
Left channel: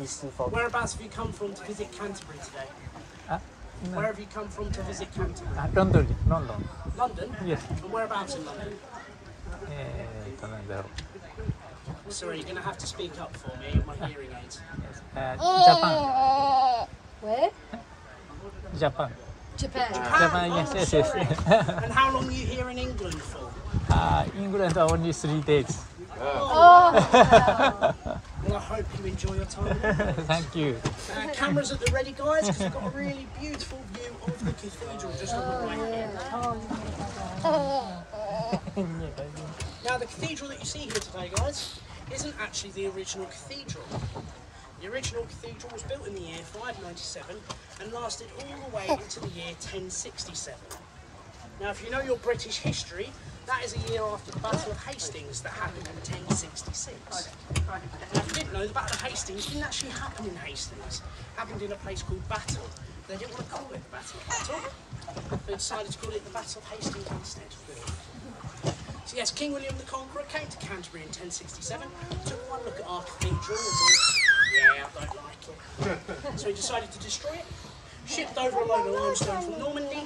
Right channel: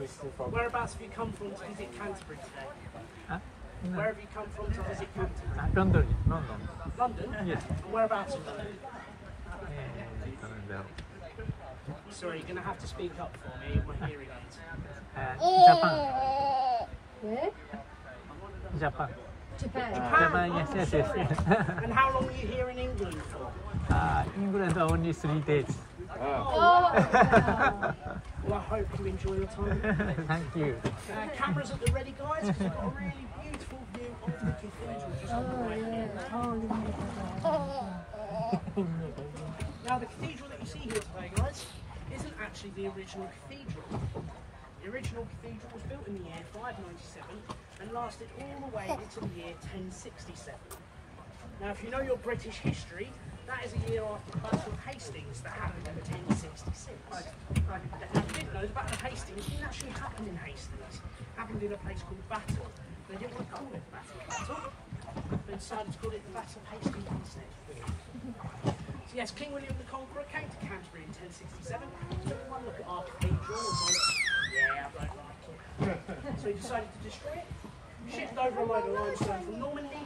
It's too far. Whereabouts have you come from to visit Canterbury today? Where have you come from to visit Canterbury? London. London? Yes. And whereabouts in London? Sorry, you're going to have to speak up for me with my hearing aids. Japan. Where? Japan. Japan. Japan, yes. And how long are you here in England for? England only 3 days. Oh, Well, I hope you enjoy your time. Thank you. Cameras at the ready, guys, because we've got a really beautiful view of the cathedral just on the right here. Now, the cathedral that you see here today, guys, isn't actually the original cathedral. The original cathedral was built in the year 597 and lasted all the way into the year 1067. Now, if you know your British history, that is a year after the Battle of Hastings that happened in 1066. Now, if you didn't know, the Battle of Hastings didn't actually happen in Hastings. It happened in a place called Battle. They didn't want to call it the Battle of Battle. They decided to call it the Battle of Hastings instead. So yes, King William the Conqueror came to Canterbury in 1067, took one look at our cathedral and went, yeah, I don't like it. So he decided to destroy it, shipped over a load of limestone from Normandy,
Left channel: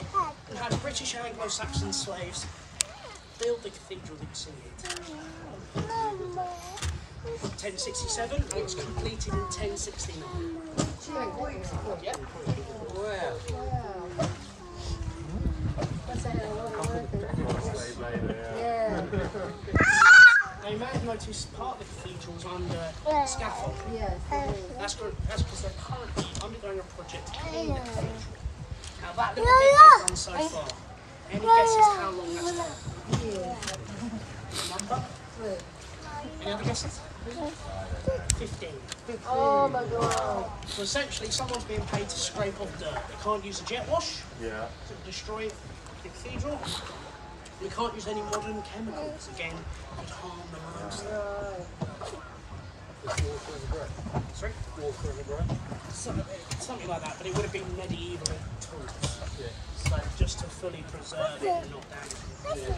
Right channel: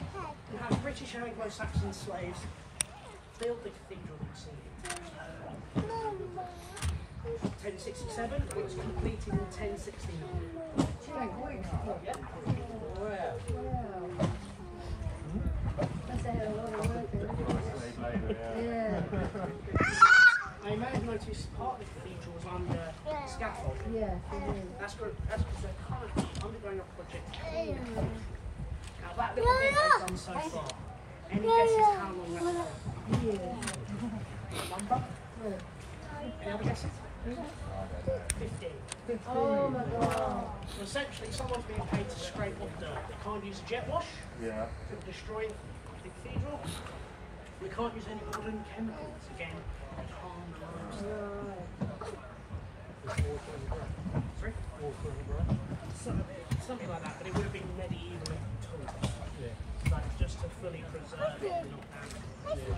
and had British and Anglo-Saxon slaves build the cathedral that you see here. 1067, and it was completed in 1069. Yep. Well, slave labour, yeah. Now you may have noticed part of the cathedral is under scaffold. Yes, it is. That's because they're currently undergoing a project to clean the cathedral. Now that little bit they've done so far, any guesses how long that's taken? Number? 3. Any other guesses? 15. Oh my god. So essentially someone's being paid to scrape off dirt. They can't use a jet wash yeah. to destroy the cathedral. We can't use any modern chemicals, again, to harm the limestone. Sorry? Something like that, but it would have been medieval tools. So just to fully preserve it and not damage it.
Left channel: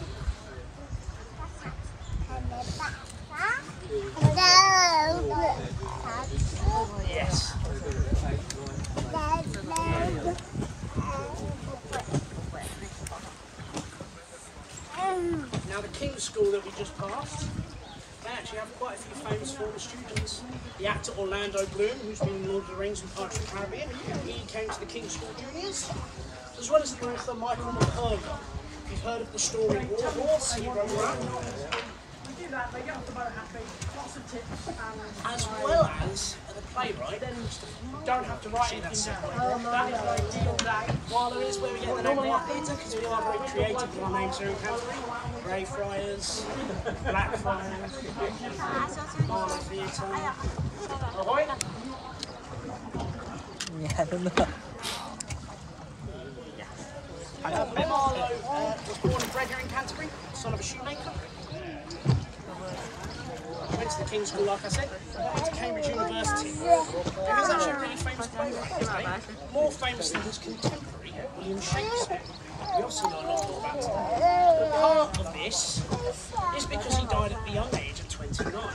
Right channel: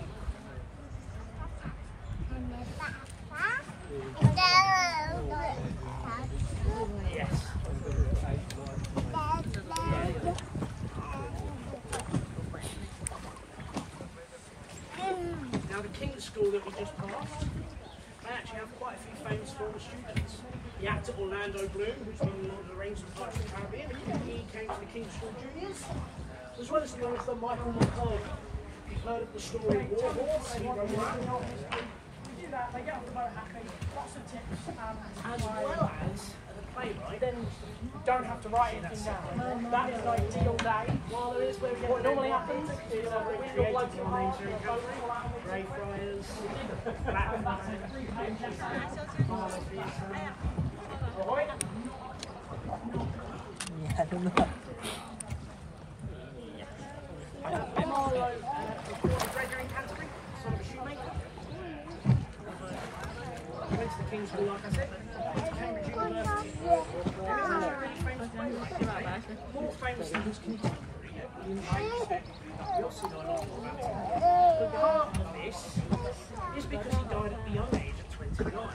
Yes. Now the King's School that we just passed, they actually have quite a few famous former students. The actor Orlando Bloom, who's been in Lord of the Rings and Pirates of the Caribbean, he came to the King's School Juniors, as well as the author Michael McCurdy. You've heard of the story War Horse, he wrote that. As well as the playwright, don't have to write anything down. While there is where we get the name White Theatre, because we are very creative with our names here in Canterbury. Greyfriars, Blackfriars, Marlow Theatre. Ahoy! Yeah, I don't know. Ben Marlow was born and bred here in Canterbury, son of a shoemaker. Went to the King's School, like I said, went to Cambridge University. He was actually a really famous playwright, more famous than his contemporary, William Shakespeare. We obviously know a lot more about him. Part of this is because he died at the young age of 29. Now,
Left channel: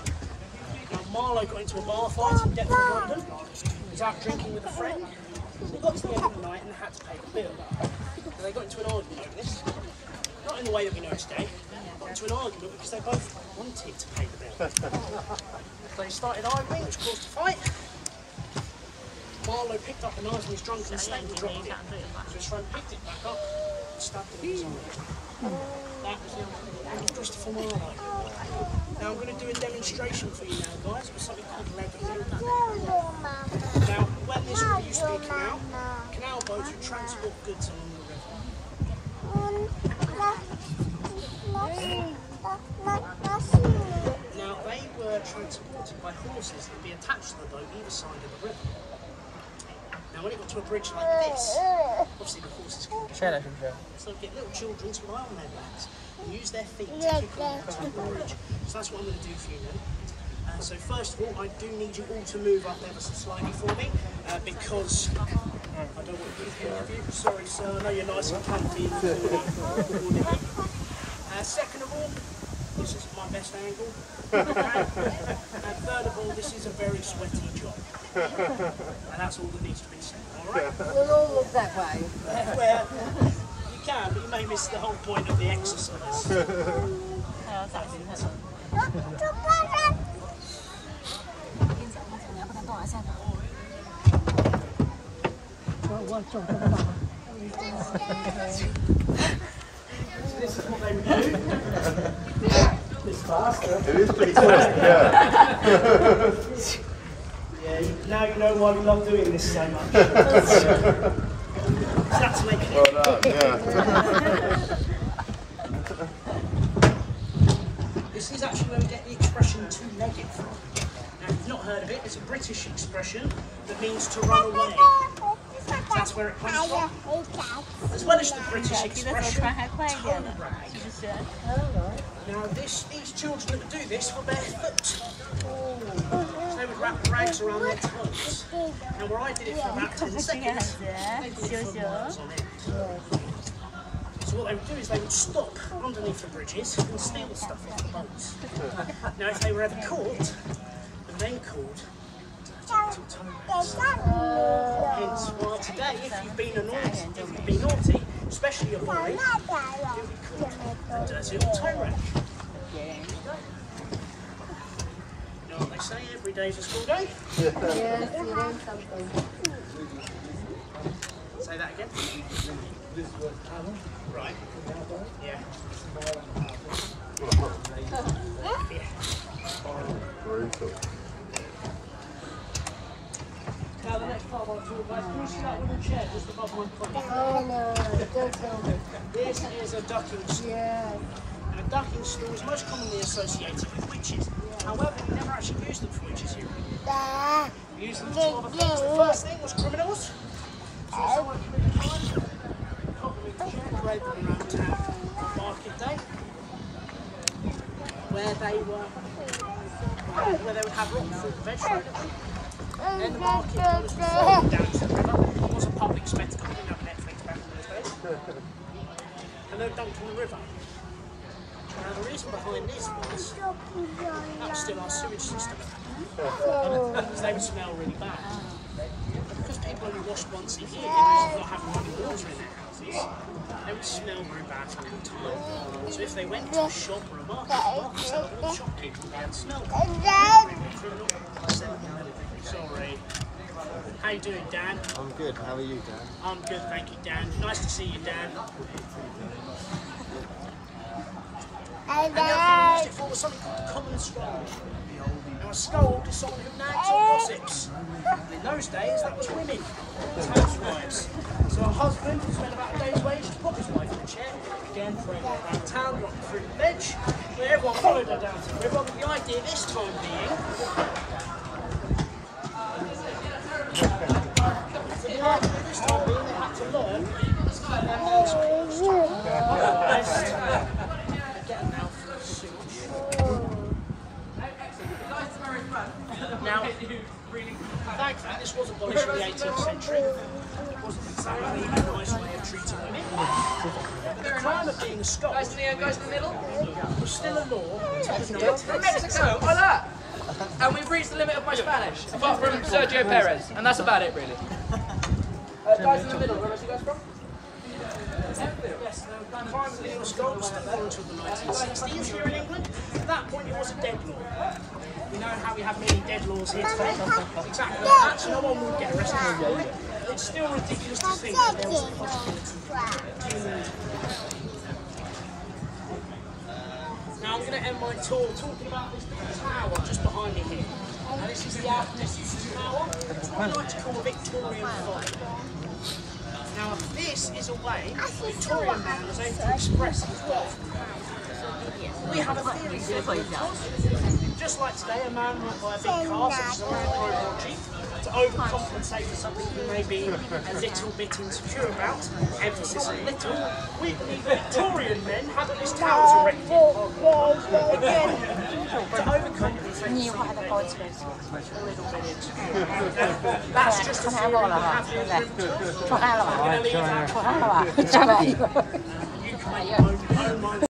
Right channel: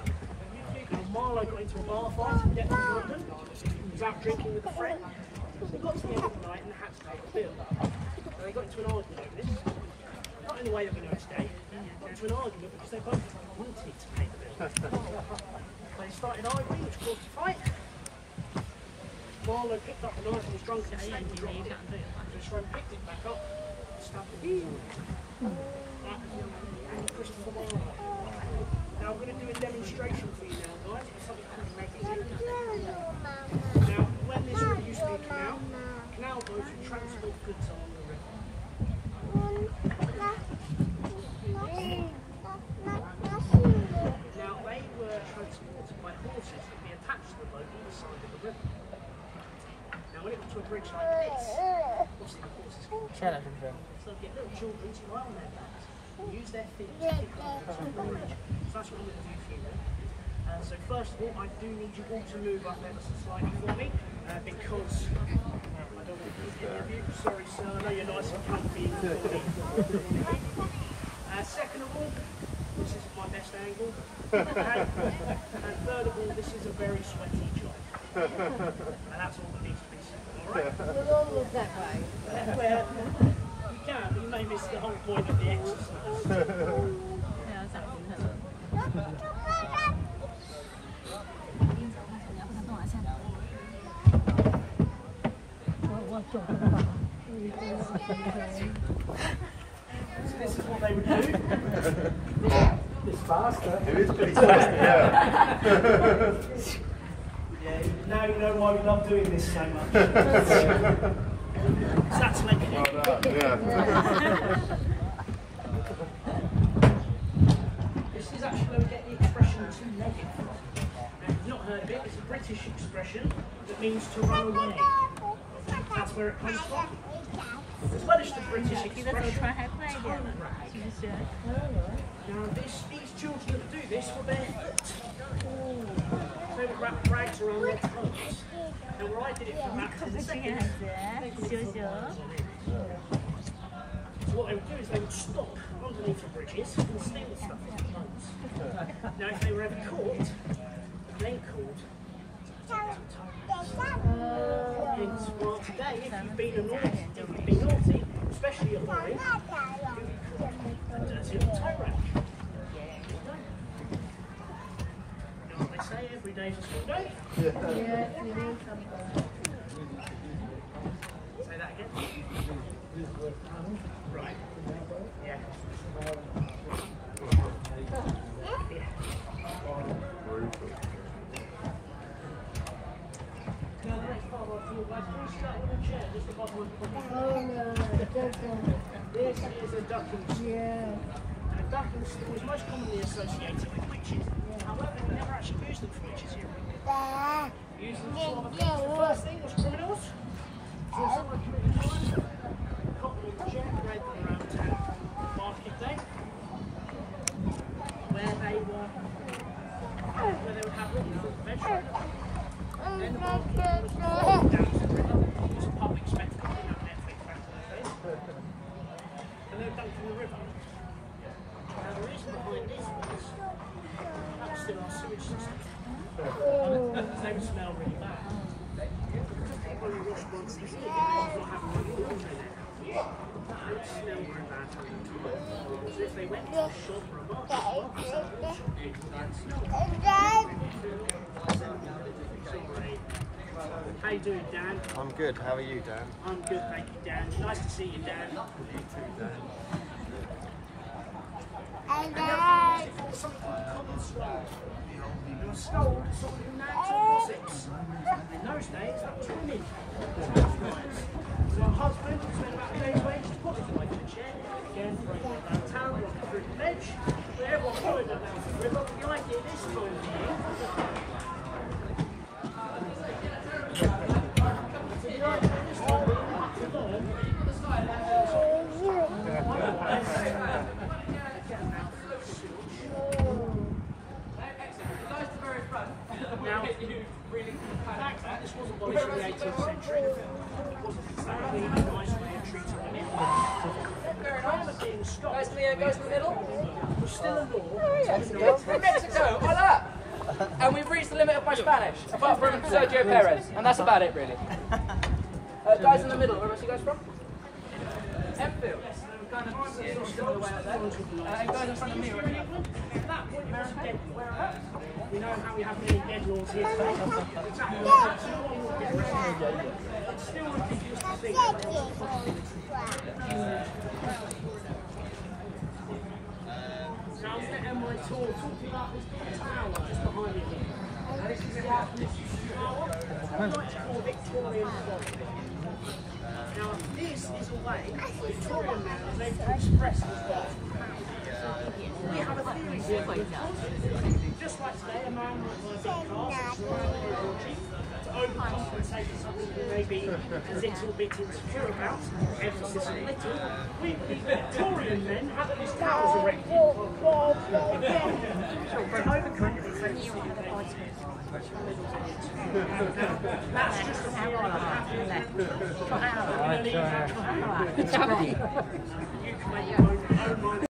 Marlow got into a bar fight in Deptford, London. He was out drinking with a friend. They got to the end of the night and had to pay the bill. So they got into an argument over this. not in the way that we know today, got into an argument because they both wanted to pay the bill. They started arguing, which caused a fight. Marlowe picked up the knife and was drunk and snapped and dropped it. So his friend picked it back up and stabbed him in his arm. That was the end of Christopher Marlowe. Now I'm going to do a demonstration for you now, guys, with something called leather. Now, when this really used to be a canal boats would transport goods along the river. Now, they were transported by horses that would be attached to the boat either side of the river. Now, when it got to a bridge like this, obviously the horses couldn't carry it. So they'd get little children to lie on their backs and use their feet to kick along the top of the bridge. So that's what I'm going to do for you now. So first of all, I do need you all to move up ever so slightly for me, because I don't want to be you. Sorry, sir, I know you're nice and comfy. Second of all, this is my best angle. Okay? And third of all, this is a very sweaty job. And that's all that needs to be said, alright? We'll all look that way. Well, you can, but you may miss the whole point of the exercise. So this is what they would do. It's faster. It is pretty fast, yeah. Yeah, now you know why we love doing this so much. That's making it. Well done, yeah. This is actually where we get the expression two-legged from. Now, if you've not heard of it, it's a British expression that means to run away. That's where it comes from. As well as the British expression, toe rag. Now, these children that would do this were barefoot. So they would wrap rags around their toes. Now, where I did it for about 10 seconds, they did it for miles on end. So what they would do is they would stop underneath the bridges and steal the stuff off the boats. Now, if they were ever caught, and then called, hence why today, if you've been naughty, especially a boy, you'll be called a dirty old toe rag. You know what they say, every day's a school day? Yes, you need something. Say that again. Right. Yeah. Brutal. Now the next part of our tour, guys, can you start with your chair just above my foot? Oh no, don't tell me. This is a ducking stool. Yeah. And a ducking stool is most commonly associated with witches. However, we never actually used them for witches here. We used them for two other things. The first thing was criminals. So if someone committed a crime, they caught them in the chair and parade them around town on market day, where they would have rotten fruit and vegetables. Then the market dollars would flow down to the river. It was a public spectacle, we didn't have Netflix back in those days. And they were dumped in the river. Now the reason behind this was that was still our sewage system. Because they would smell really bad. Because people only washed once a year, because of not having running water in their houses, they would smell very bad all the time. So if they went to a shop or a market said, all the shopkeepers would smell them. Sorry. How you doing, Dan? I'm good. How are you, Dan? I'm good, thank you, Dan. Nice to see you, Dan. And the other thing we used it for was something called the common scold. Now a scold is someone who nags or gossips. In those days, that was women, housewives. So a husband who spent about a day's wage to put his wife in a chair, again throwing her around town, rocking through the ledge, where everyone followed her down to the river. But the idea this time being, they had to learn their house calls. Now, thankfully, this was abolished in the 18th century. It wasn't exactly a nice way of treating women. The crime of being a Scot was still a law. From Mexico, hola! And we've reached the limit of my Spanish, apart from Sergio Perez, and that's about it, really. Guys in the middle, where are you guys from? Yes, primary legal school still on until the 1960s here in England. At that point, it was a dead law. We know how we have many dead laws here today. Exactly like that, so no one would get arrested for it. It's still ridiculous to think that there was a possibility. Now I'm going to end my tour talking about this big tower just behind me here. Now this is the Alchemist's Tower. I like to call a Victorian font. Now this is a way Victorian man was able to express his wealth. We have a theory here because, just like today, a man might buy a big car such as a Land Rover or Jeep to overcompensate for something he may be a little bit insecure about, emphasis on little. We Victorian men had these towers erected to overcompensate for a little village. That's just a theory. We're going to leave that to